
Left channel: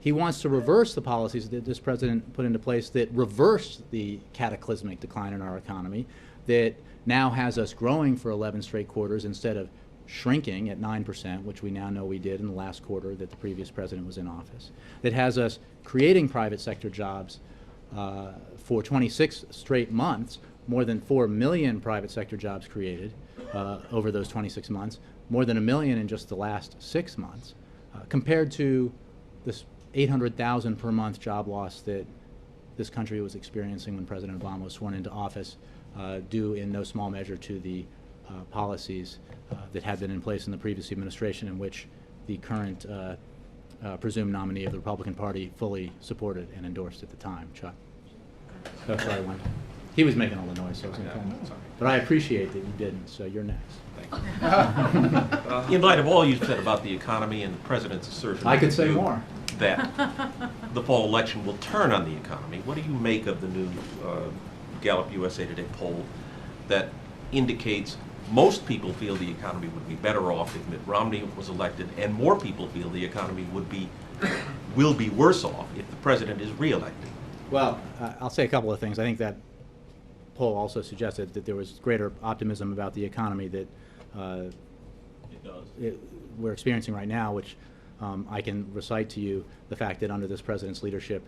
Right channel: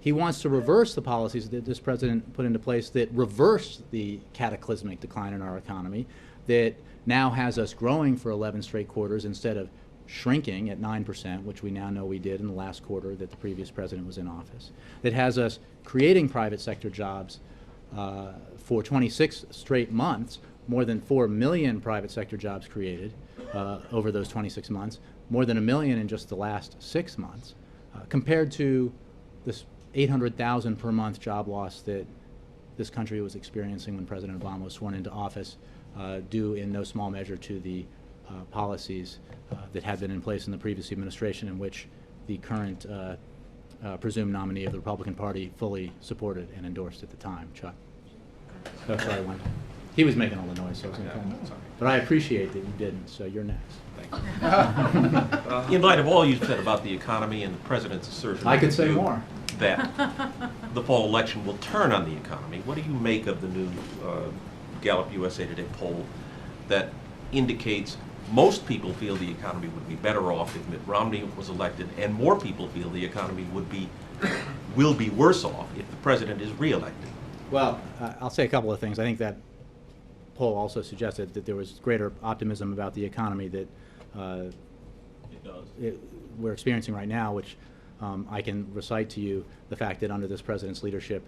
He wants to reverse the policies that this president put into place that reversed the cataclysmic decline in our economy, that now has us growing for 11 straight quarters instead of shrinking at 9%, which we now know we did in the last quarter that the previous president was in office, that has us creating private sector jobs for 26 straight months, more than 4 million private sector jobs created over those 26 months, more than 1 million in just the last 6 months, compared to this 800,000 per month job loss that this country was experiencing when President Obama was sworn into office, due in no small measure to the policies that had been in place in the previous administration, in which the current presumed nominee of the Republican Party fully supported and endorsed at the time, Chuck. That's why I went. He was making all the noise, so I was going to come. But I appreciate that you didn't, so you're next. In light of all you've said about the economy and the president's assertion, I could say more, that the fall election will turn on the economy, what do you make of the new Gallup USA Today poll that indicates most people feel the economy would be better off if Mitt Romney was elected, and more people feel the economy will be worse off if the president is reelected? Well, I'll say a couple of things. I think that poll also suggested that there was greater optimism about the economy that we're experiencing right now, which I can recite to you the fact that under this president's leadership,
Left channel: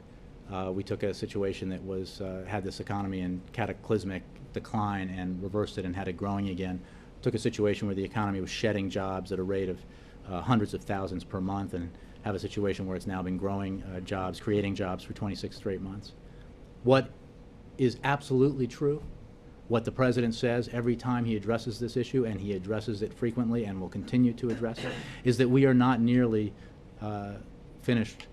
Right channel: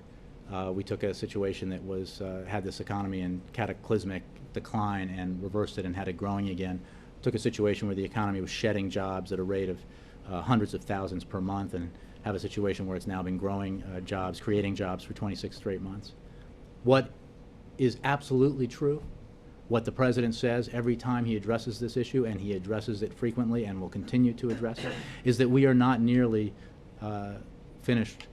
we took a situation that was had this economy in cataclysmic decline and reversed it and had it growing again. Took a situation where the economy was shedding jobs at a rate of hundreds of thousands per month, and have a situation where it's now been growing jobs, creating jobs for 26 straight months. What is absolutely true, what the president says every time he addresses this issue, and he addresses it frequently and will continue to address it, is that we are not nearly finished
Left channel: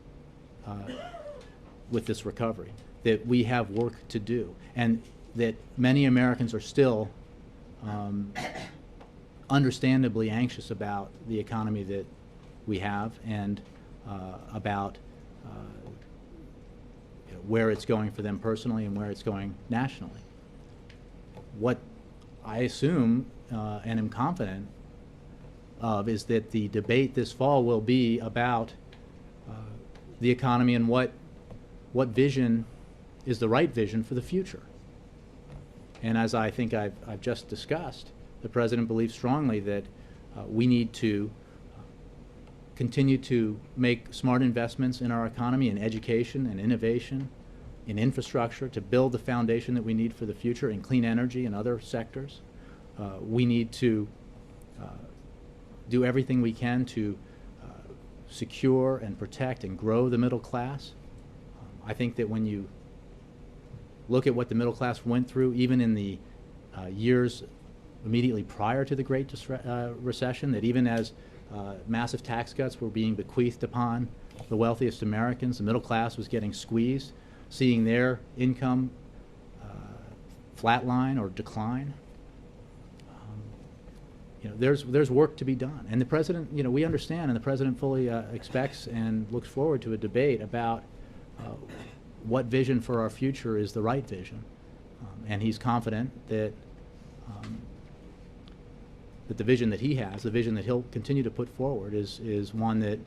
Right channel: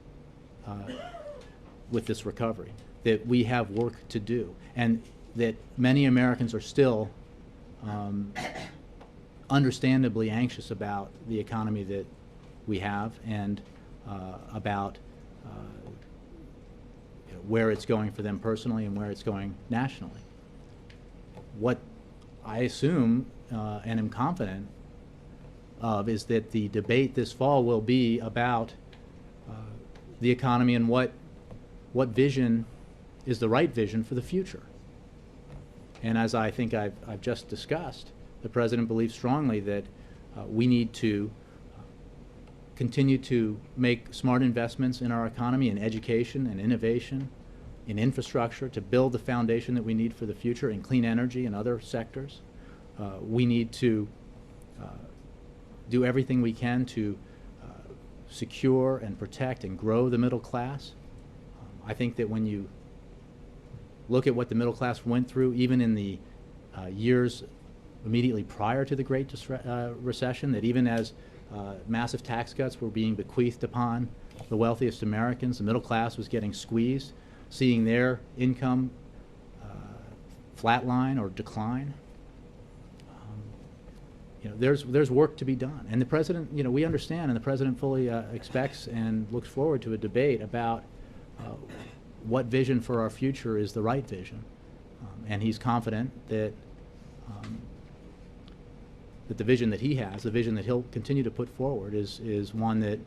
with this recovery, that we have work to do, and that many Americans are still understandably anxious about the economy that we have, and about where it's going for them personally and where it's going nationally. What I assume and am confident of is that the debate this fall will be about the economy and what vision is the right vision for the future. And as I think I've just discussed, the president believes strongly that we need to continue to make smart investments in our economy, in education and innovation, in infrastructure, to build the foundation that we need for the future, in clean energy and other sectors. We need to do everything we can to secure and protect and grow the middle class. I think that when you look at what the middle class went through, even in the years immediately prior to the Great Recession, that even as massive tax cuts were being bequeathed upon the wealthiest Americans, the middle class was getting squeezed, seeing their income flatline or decline. There's work to be done, and the president, we understand, and the president fully expects and looks forward to a debate about what vision for our future is the right vision. And he's confident that that the vision that he has, the vision that he'll continue to put forward, is one that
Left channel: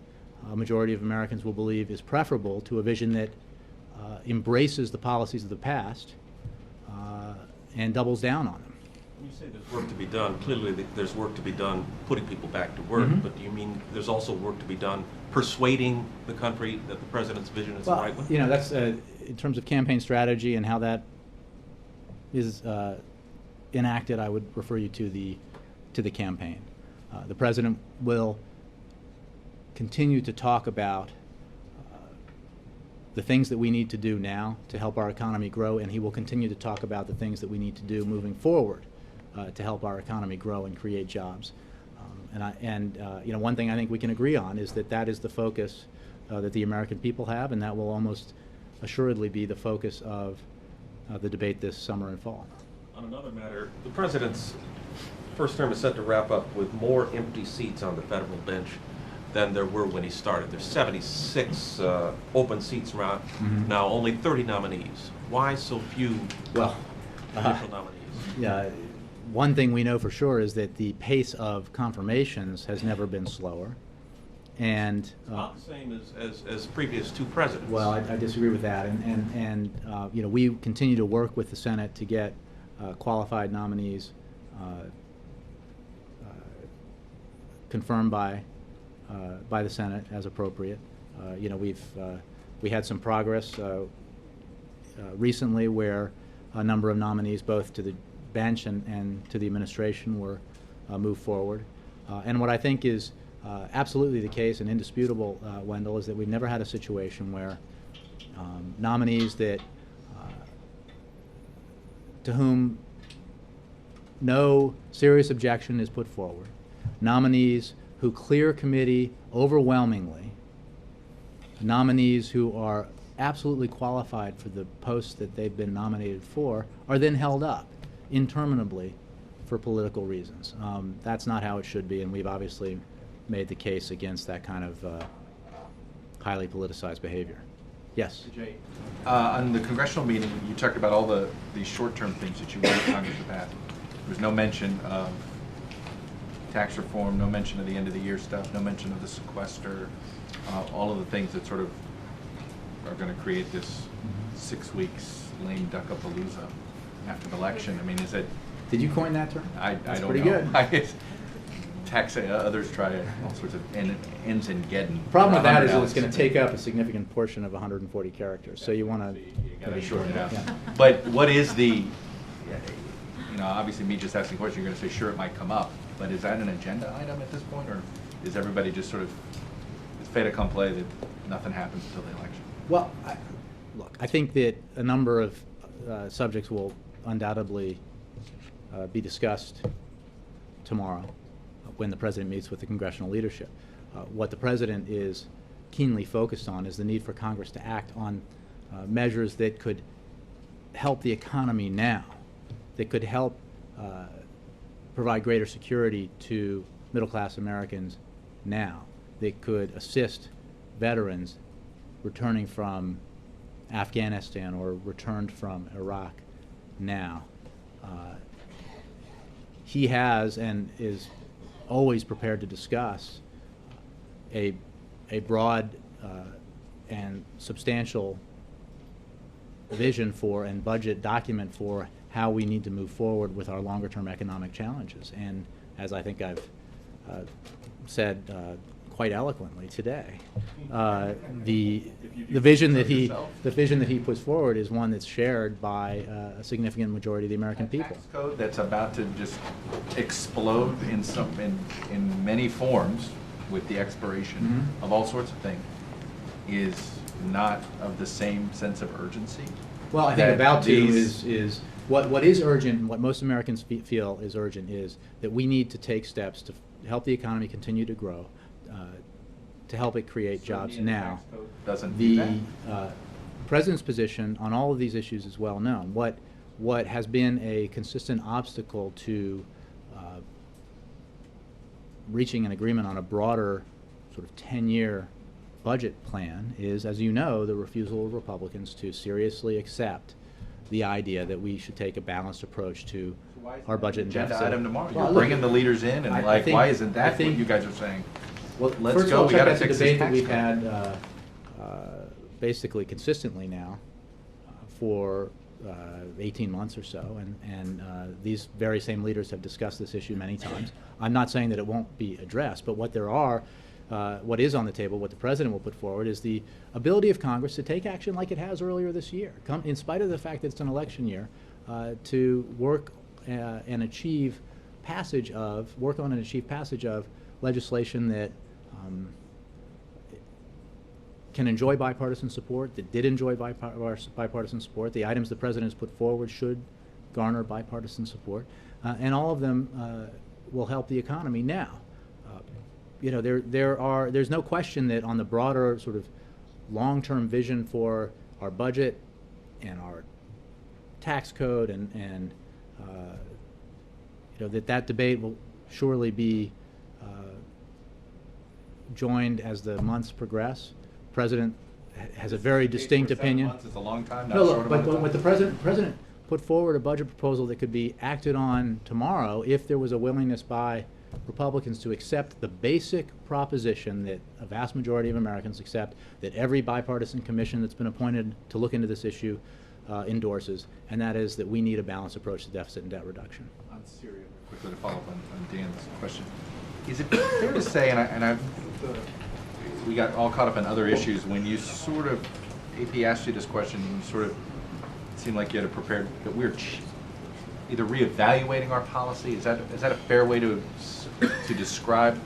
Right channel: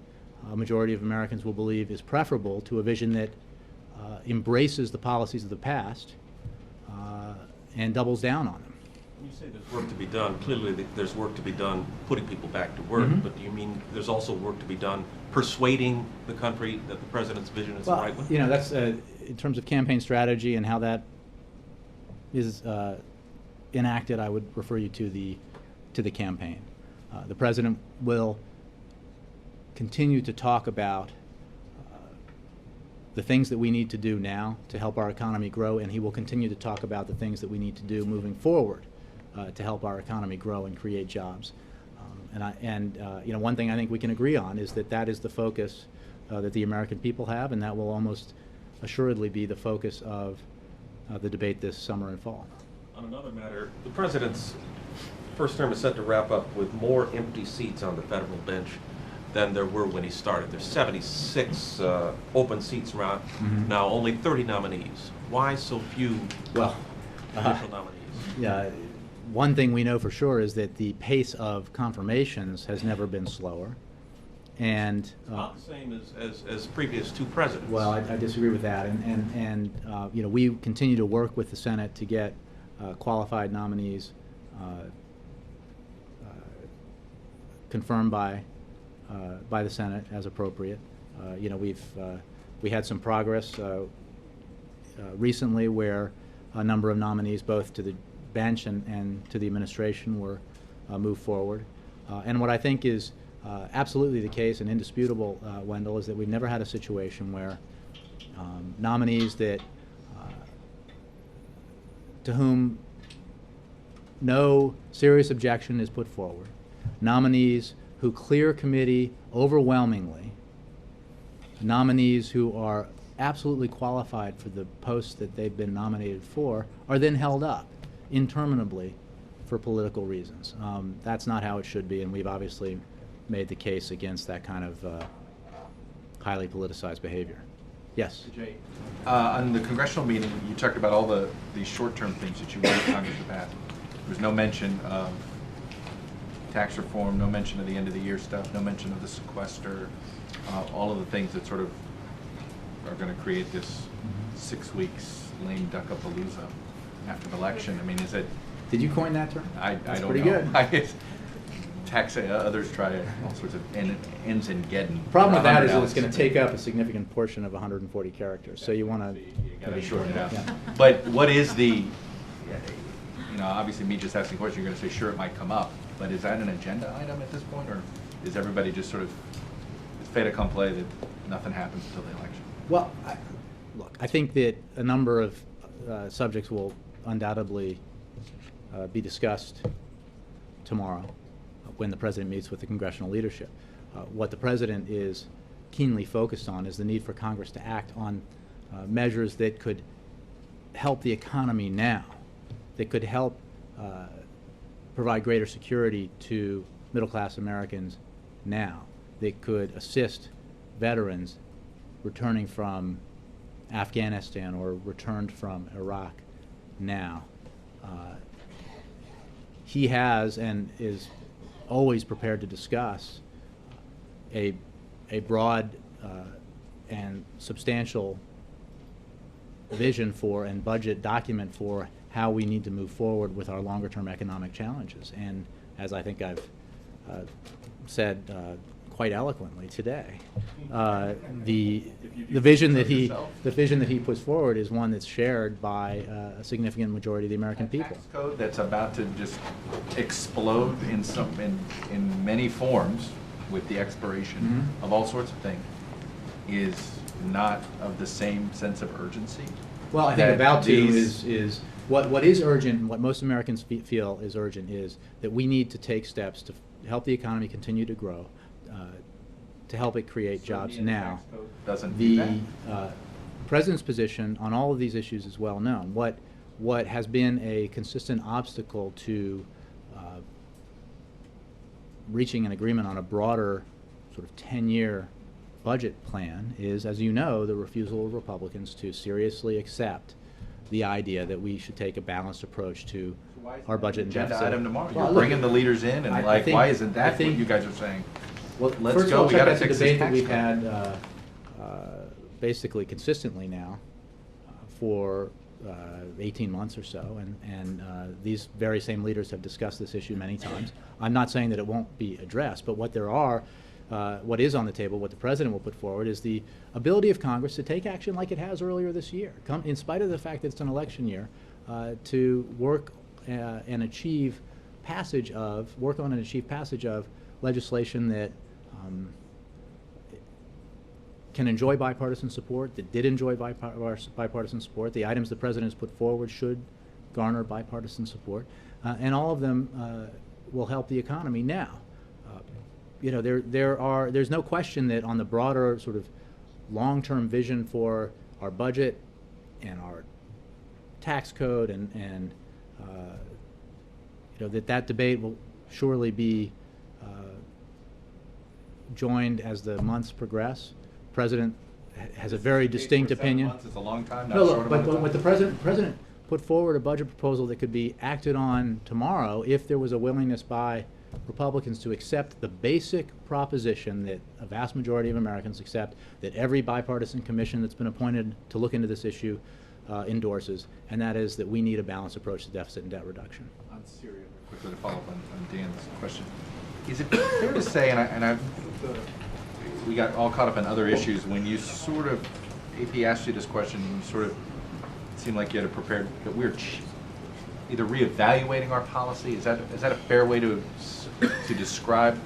a majority of Americans will believe is preferable to a vision that embraces the policies of the past and doubles down on them. When you say there's work to be done, clearly there's work to be done putting people back to work, Mhm. but do you mean there's also work to be done persuading the country that the president's vision is the right one? You know, that's in terms of campaign strategy and how that is enacted. I would refer you to the campaign. The president will continue to talk about the things that we need to do now to help our economy grow, and he will continue to talk about the things that we need to do moving forward to help our economy grow and create jobs. You know, one thing I think we can agree on is that that is the focus that the American people have, and that will almost assuredly be the focus of the debate this summer and fall. On another matter, the president's first term is set to wrap up with more empty seats on the federal bench than there were when he started. There's 76 open seats around now, only 30 nominees. Why so few Well, initial nominees? yeah, one thing we know for sure is that the pace of confirmations has never been slower, and Not the same as previous two presidents. well, I disagree with that, and you know, we continue to work with the Senate to get qualified nominees confirmed by the Senate as appropriate. You know, we had some progress recently where a number of nominees, both to the bench and to the administration, were moved forward. And what I think is absolutely the case and indisputable, Wendell, is that we've never had a situation where nominees that to whom no serious objection is put forward, nominees who clear committee overwhelmingly, nominees who are absolutely qualified for the posts that they've been nominated for, are then held up interminably for political reasons. That's not how it should be, and we've obviously made the case against that kind of highly politicized behavior. Yes? Jay, on the congressional meeting, you talked about all these short-term things that you want Congress to pass. There was no mention of tax reform, no mention of the end of the year stuff, no mention of the sequester, all of the things that sort of are going to create this 6 weeks lame duck-a-palooza after the election. I mean, is it? Did you coin that term? I That's don't pretty know. good. Tax, others try all sorts of ends in Geddon. Problem with that is that it's going to take up a significant portion of 140 characters, so you want to Gotta shorten it out. Yeah. But what is the, you know, obviously me just asking questions, you're going to say, sure, it might come up, but is that an agenda item at this point, or is everybody just sort of, it's fait accompli that nothing happens until the election? Well, look, I think that a number of subjects will undoubtedly be discussed tomorrow when the president meets with the congressional leadership. What the president is keenly focused on is the need for Congress to act on measures that could help the economy now, that could help provide greater security to middle-class Americans now, that could assist veterans returning from Afghanistan or returned from Iraq now. He has and is always prepared to discuss a broad and substantial vision for and budget document for how we need to move forward with our longer-term economic challenges. And as I think I've said quite eloquently today, the vision that he puts forward is one that's shared by a significant majority of the American people. Tax code that's about to just explode in many forms with the expiration of all sorts of things is not of the same sense of urgency. Well, I think about to is what is urgent, and what most Americans feel is urgent, is that we need to take steps to help the economy continue to grow, to help it create jobs now. Doesn't do that. The president's position on all of these issues is well known. What has been a consistent obstacle to reaching an agreement on a broader sort of 10-year budget plan is, as you know, the refusal of Republicans to seriously accept the idea that we should take a balanced approach to our budget and deficit. Agenda item tomorrow. Well, You're look, bringing the leaders in, and I think- why isn't I that what think- you guys are saying? Well, Let's first go, of all, we check gotta out the fix debate this that tax we've code. had basically consistently now for 18 months or so, and these very same leaders have discussed this issue many times. I'm not saying that it won't be addressed, but what is on the table, what the president will put forward, is the ability of Congress to take action like it has earlier this year, in spite of the fact that it's an election year, to work and achieve passage of legislation that can enjoy bipartisan support, that did enjoy bipartisan support. The items the president has put forward should garner bipartisan support, and all of them will help the economy now. There's no question that on the broader sort of long-term vision for our budget and our tax code and that debate will surely be joined as the months progress. The president has a very distinct opinion. 7 months is a long time, not No, a short look, amount of but time. what the president put forward a budget proposal that could be acted on tomorrow if there was a willingness by Republicans to accept the basic proposition that a vast majority of Americans accept, that every bipartisan commission that's been appointed to look into this issue endorses, and that is that we need a balanced approach to deficit and debt reduction. On Syria, quickly to follow up on Dan's question. Is it fair to say, we got all caught up in other issues, when you sort of, AP asked you this question, and you sort of, it seemed like you had it prepared, that we're either reevaluating our policy, is that a fair way to describe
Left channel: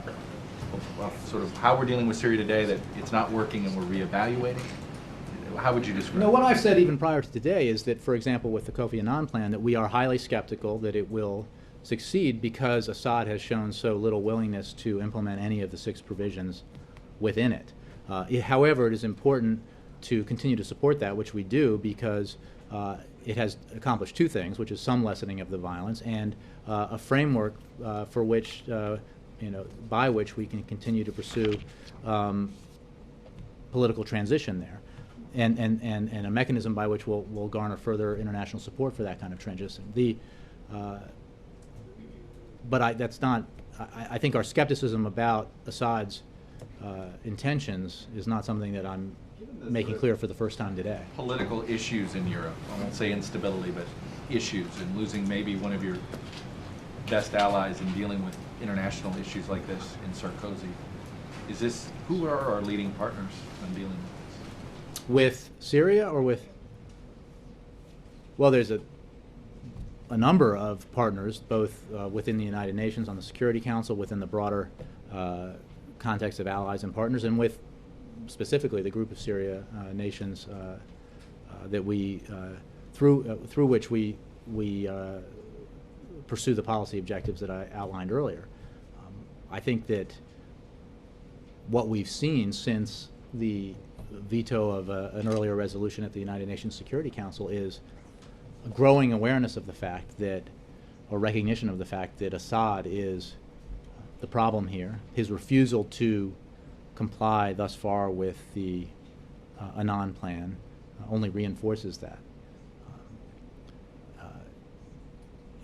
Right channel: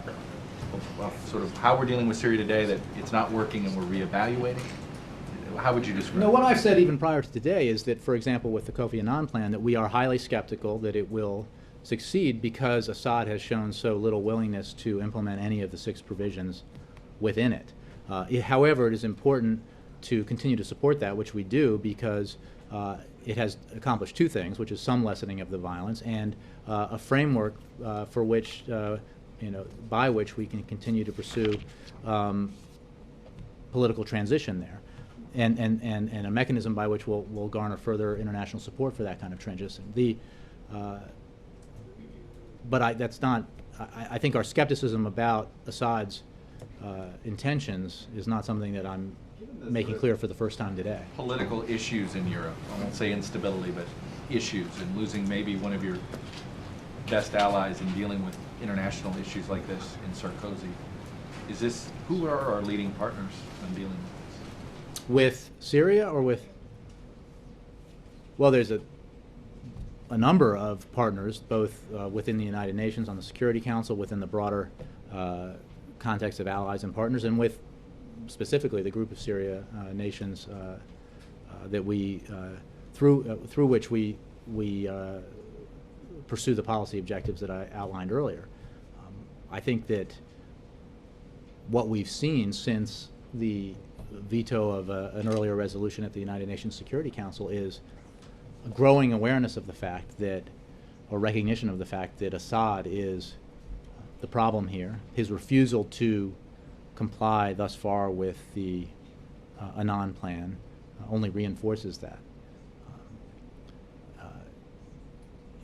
sort of how we're dealing with Syria today, that it's not working and we're reevaluating? How would you describe No, it? what I've said even prior to today is that, for example, with the Kofi Annan plan, that we are highly skeptical that it will succeed because Assad has shown so little willingness to implement any of the 6 provisions within it. However, it is important to continue to support that, which we do, because it has accomplished 2 things, which is some lessening of the violence and a framework for which, by which we can continue to pursue political transition there, and a mechanism by which we'll garner further international support for that kind of transition. I think our skepticism about Assad's intentions is not something that I'm making clear for the first time today. Political issues in Europe, I won't say instability, but issues, and losing maybe one of your best allies in dealing with international issues like this in Sarkozy. Who are our leading partners in dealing with this? With Syria or with? Well, there's a number of partners, both within the United Nations on the Security Council, within the broader context of allies and partners, and with specifically the group of Syria nations that we through which we pursue the policy objectives that I outlined earlier. I think that what we've seen since the veto of an earlier resolution at the United Nations Security Council is a growing awareness of the fact that, or recognition of the fact that Assad is the problem here. His refusal to comply thus far with the Annan plan only reinforces that.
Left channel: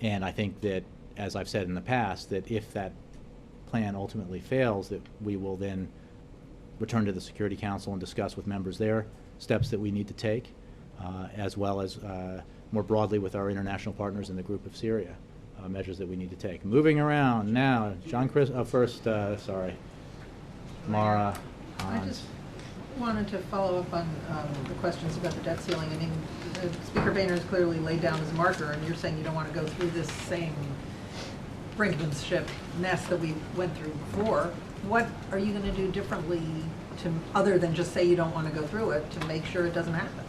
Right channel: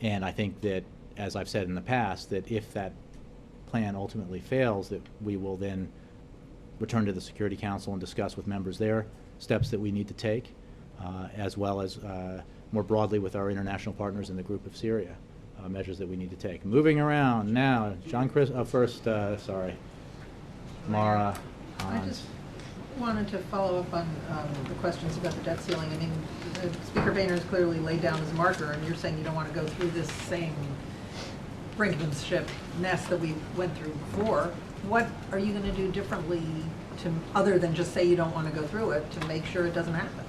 And I think that, as I've said in the past, that if that plan ultimately fails, that we will then return to the Security Council and discuss with members there steps that we need to take, as well as more broadly with our international partners in the group of Syria, measures that we need to take. Moving around now, first, Mara. I just wanted to follow up on the questions about the debt ceiling. I mean, Speaker Boehner has clearly laid down his marker, and you're saying you don't want to go through this same brinkmanship mess that we went through before. What are you going to do differently other than just say you don't want to go through it, to make sure it doesn't happen?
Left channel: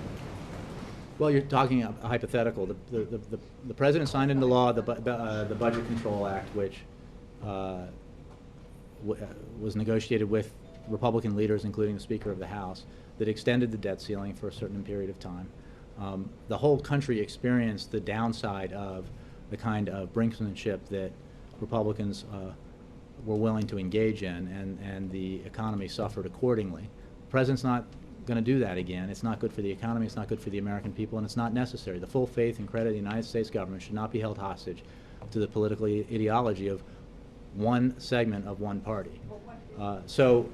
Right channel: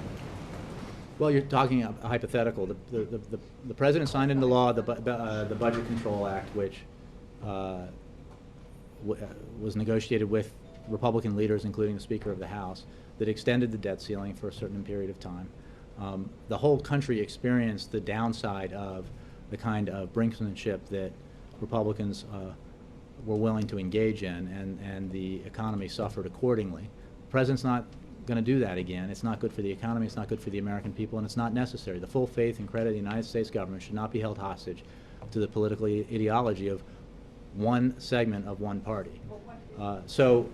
Well, you're talking a hypothetical. The president signed into law the Budget Control Act, which was negotiated with Republican leaders, including the Speaker of the House, that extended the debt ceiling for a certain period of time. The whole country experienced the downside of the kind of brinksmanship that Republicans were willing to engage in, and the economy suffered accordingly. The president's not going to do that again. It's not good for the economy, it's not good for the American people, and it's not necessary. The full faith and credit of the United States government should not be held hostage to the political ideology of one segment of one party. When you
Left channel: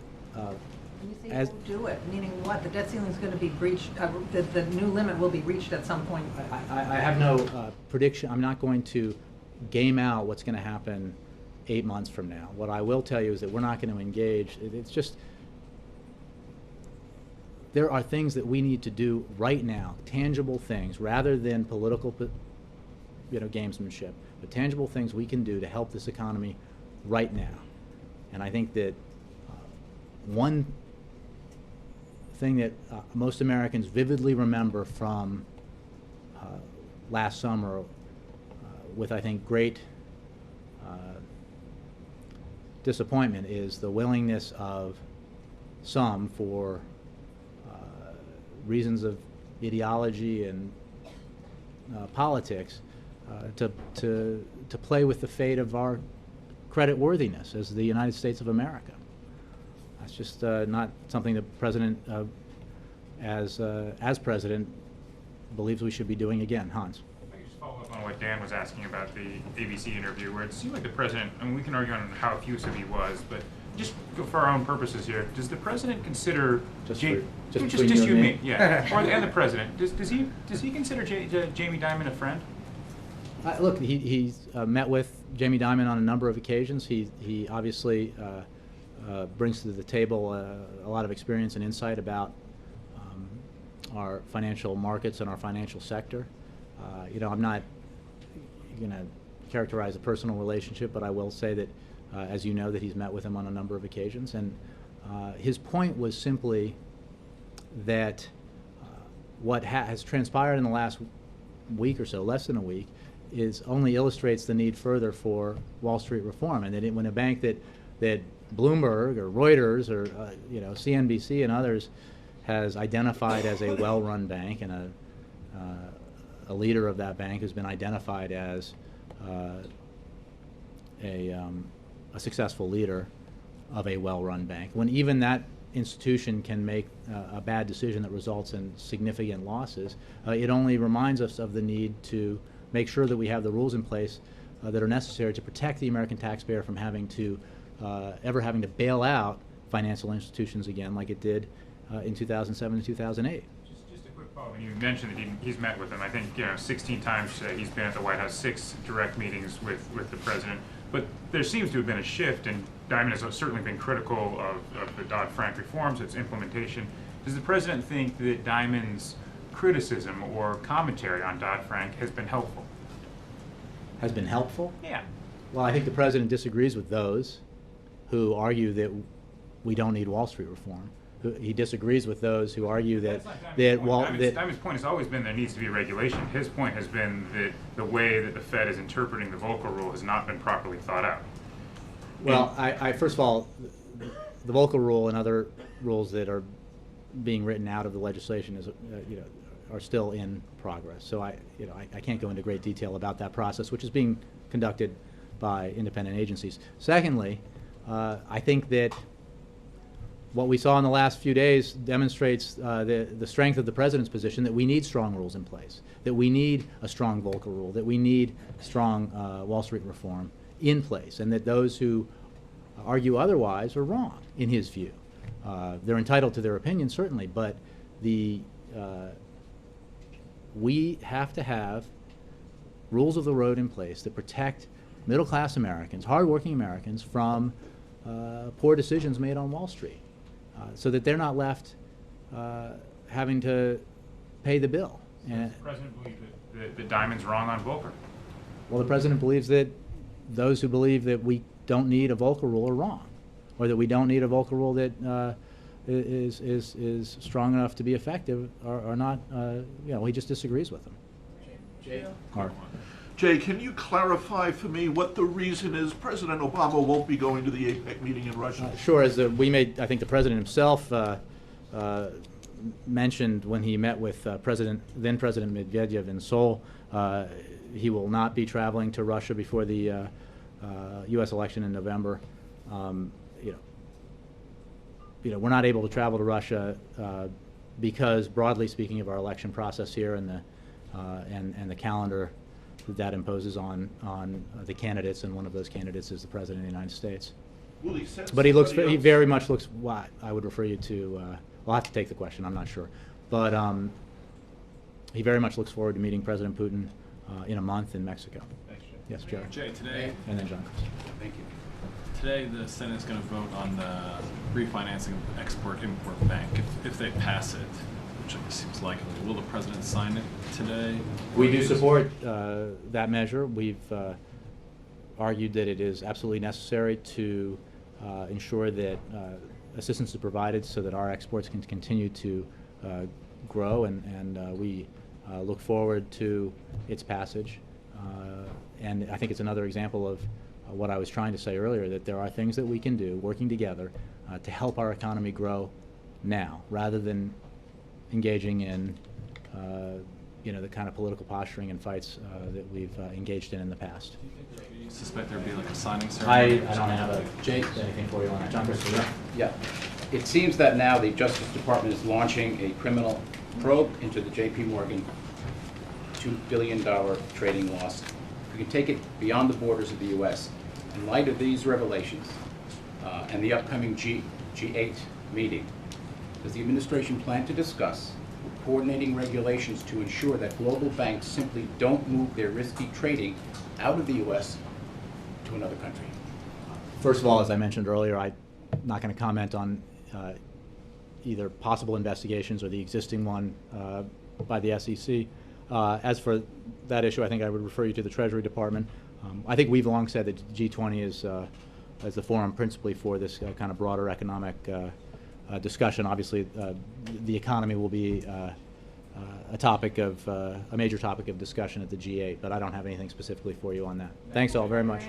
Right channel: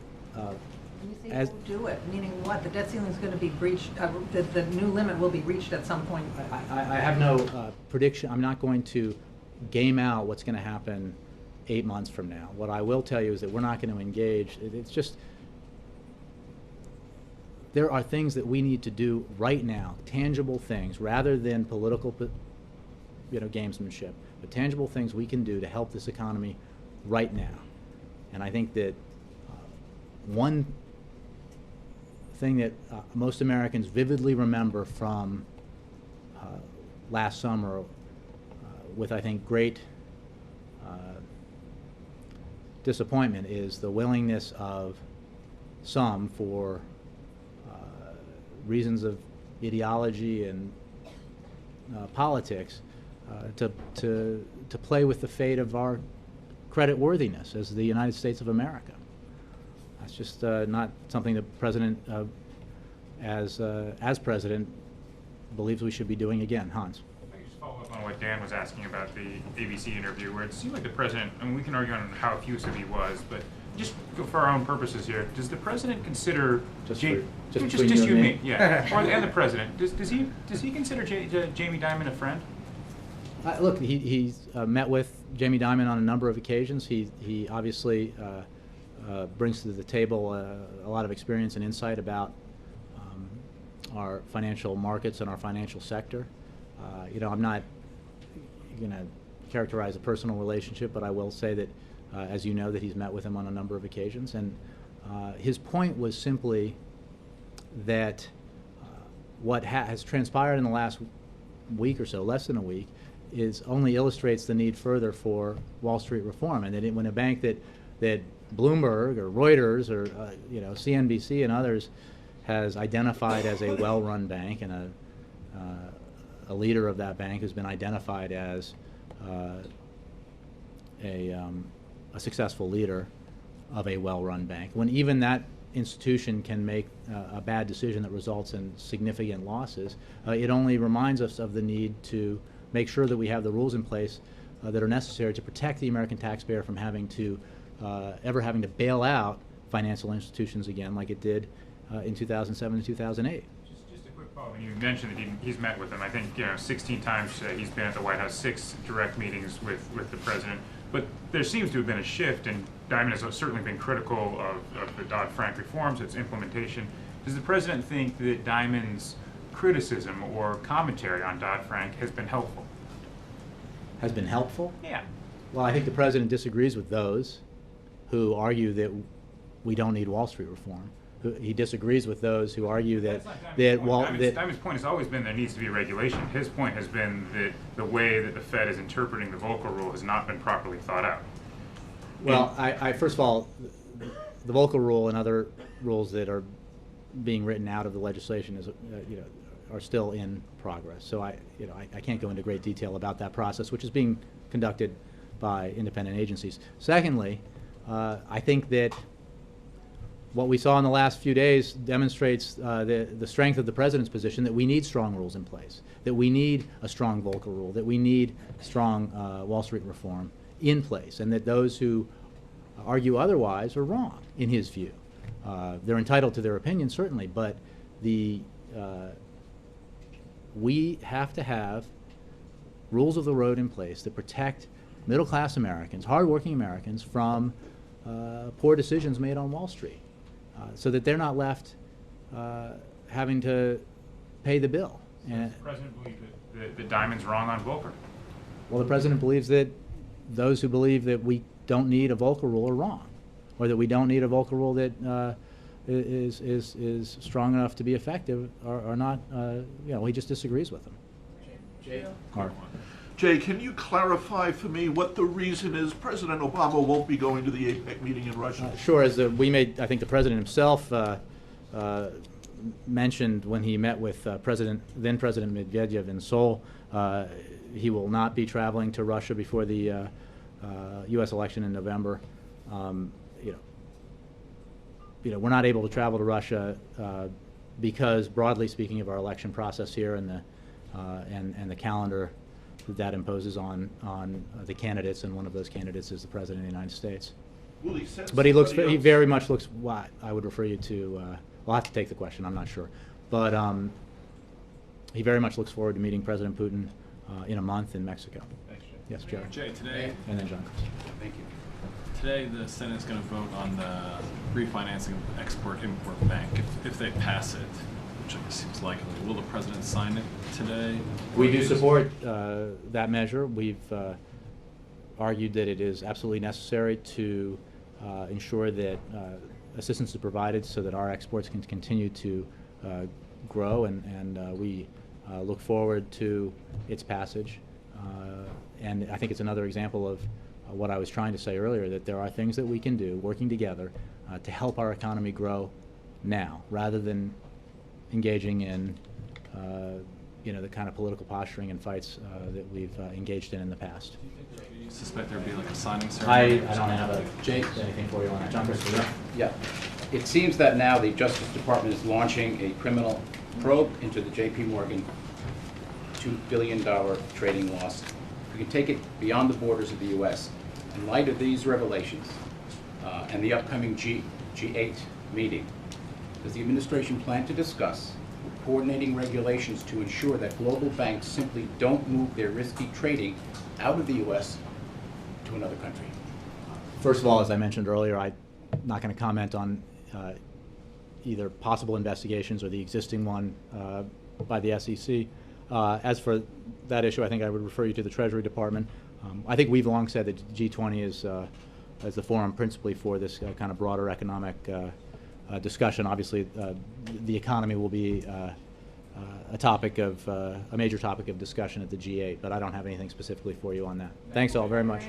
say as don't do it, meaning what? The debt ceiling is going to be breached, the new limit will be reached at some point. I have no prediction. I'm not going to game out what's going to happen 8 months from now. What I will tell you is that we're not going to engage. It's just, there are things that we need to do right now, tangible things, rather than political, gamesmanship, but tangible things we can do to help this economy right now. And I think that one thing that most Americans vividly remember from last summer with, I think, great disappointment is the willingness of some, for reasons of ideology and politics, to play with the fate of our credit worthiness as the United States of America. That's just not something the president, as president, believes we should be doing again. Hans. I just follow up on what Dan was asking about the ABC interview, where it seemed like the president, I mean, we can argue on how effusive he was, but just for our own purposes here, does the president consider Just you between and you me, and me. yeah, and the president, does he consider Jamie Dimon a friend? Look, he's met with Jamie Dimon on a number of occasions. He obviously brings to the table a lot of experience and insight about our financial markets and our financial sector. I'm not going to characterize a personal relationship, but I will say that, as you know, that he's met with him on a number of occasions. And his point was simply that what has transpired in the last week or so, less than a week, only illustrates the need further for Wall Street reform, and that when a bank that Bloomberg or Reuters or CNBC and others has identified as a well-run bank, and a leader of that bank has been identified as a successful leader of a well-run bank, when even that institution can make a bad decision that results in significant losses, it only reminds us of the need to make sure that we have the rules in place that are necessary to protect the American taxpayer from having to having to bail out financial institutions again, like it did in 2007 and 2008. Just a quick follow-up. When you mentioned that he's met with them, I think 16 times he's been at the White House, 6 direct meetings with the president. But there seems to have been a shift, and Dimon has certainly been critical of the Dodd-Frank reforms, its implementation. Does the president think that Dimon's criticism or commentary on Dodd-Frank has been helpful? Has been helpful? Yeah. Well, I think the president disagrees with those who argue that we don't need Wall Street reform. He disagrees with those who argue that Dimon's point has always been there needs to be regulation. His point has been that the way that the Fed is interpreting the Volcker Rule has not been properly thought out. Well, I first of all, the Volcker Rule and other rules that are being written out of the legislation are still in progress. So I can't go into great detail about that process, which is being conducted by independent agencies. Secondly, I think that what we saw in the last few days demonstrates the strength of the president's position that we need strong rules in place, that we need a strong Volcker Rule, that we need strong Wall Street reform in place, and that those who argue otherwise are wrong, in his view. They're entitled to their opinion, certainly, but we have to have rules of the road in place that protect middle-class Americans, hardworking Americans, from poor decisions made on Wall Street, so that they're not left having to pay the bill. So does the president believe that Dimon's wrong on Volcker? Well, the president believes that those who believe that we don't need a Volcker Rule are wrong, or that we don't need a Volcker Rule that is strong enough to be effective are not. He just disagrees with them. Jay, can you clarify for me what the reason is President Obama won't be going to the APEC meeting in Russia? Sure. As I think the president himself mentioned when he met with then President Medvedev in Seoul, he will not be traveling to Russia before the U.S. election in November. we're not able to travel to Russia because, broadly speaking, of our election process here and the calendar that imposes on the candidates, and one of those candidates is the President of the United States. Will he send But he somebody else? very much looks. Well, I would refer you to. I'll have to take the question. I'm not sure, but he very much looks forward to meeting President Putin in a month in Mexico. Thanks, Jay. Yes, Jerry. Jay, today, And then John. thank you. Today, the Senate's going to vote on the refinancing of the Export-Import Bank. If they pass it, which it seems likely, will the president sign it today? We do support that measure. We've argued that it is absolutely necessary to ensure that assistance is provided so that our exports can continue to grow, and we look forward to its passage. And I think it's another example of what I was trying to say earlier, that there are things that we can do working together to help our economy grow now, rather than engaging in the kind of political posturing and fights that we've engaged in the past. Do you suspect there'd be like a signing ceremony? I don't have a Jake anything for you on that. John Christopher. Yeah. It seems that now the Justice Department is launching a criminal probe into the J.P. Morgan $2 billion trading loss. We can take it beyond the borders of the U.S. In light of these revelations and the upcoming G8 meeting, does the administration plan to discuss coordinating regulations to ensure that global banks simply don't move their risky trading out of the U.S. to another country? First of all, as I mentioned earlier, I'm not going to comment on either possible investigations or the existing one by the SEC. As for that issue, I think I would refer you to the Treasury Department. I think we've long said that G20 is the forum principally for this kind of broader economic discussion. Obviously, the economy will be a major topic of discussion at the G8, but I don't have anything specifically for you on that. Thanks all very much.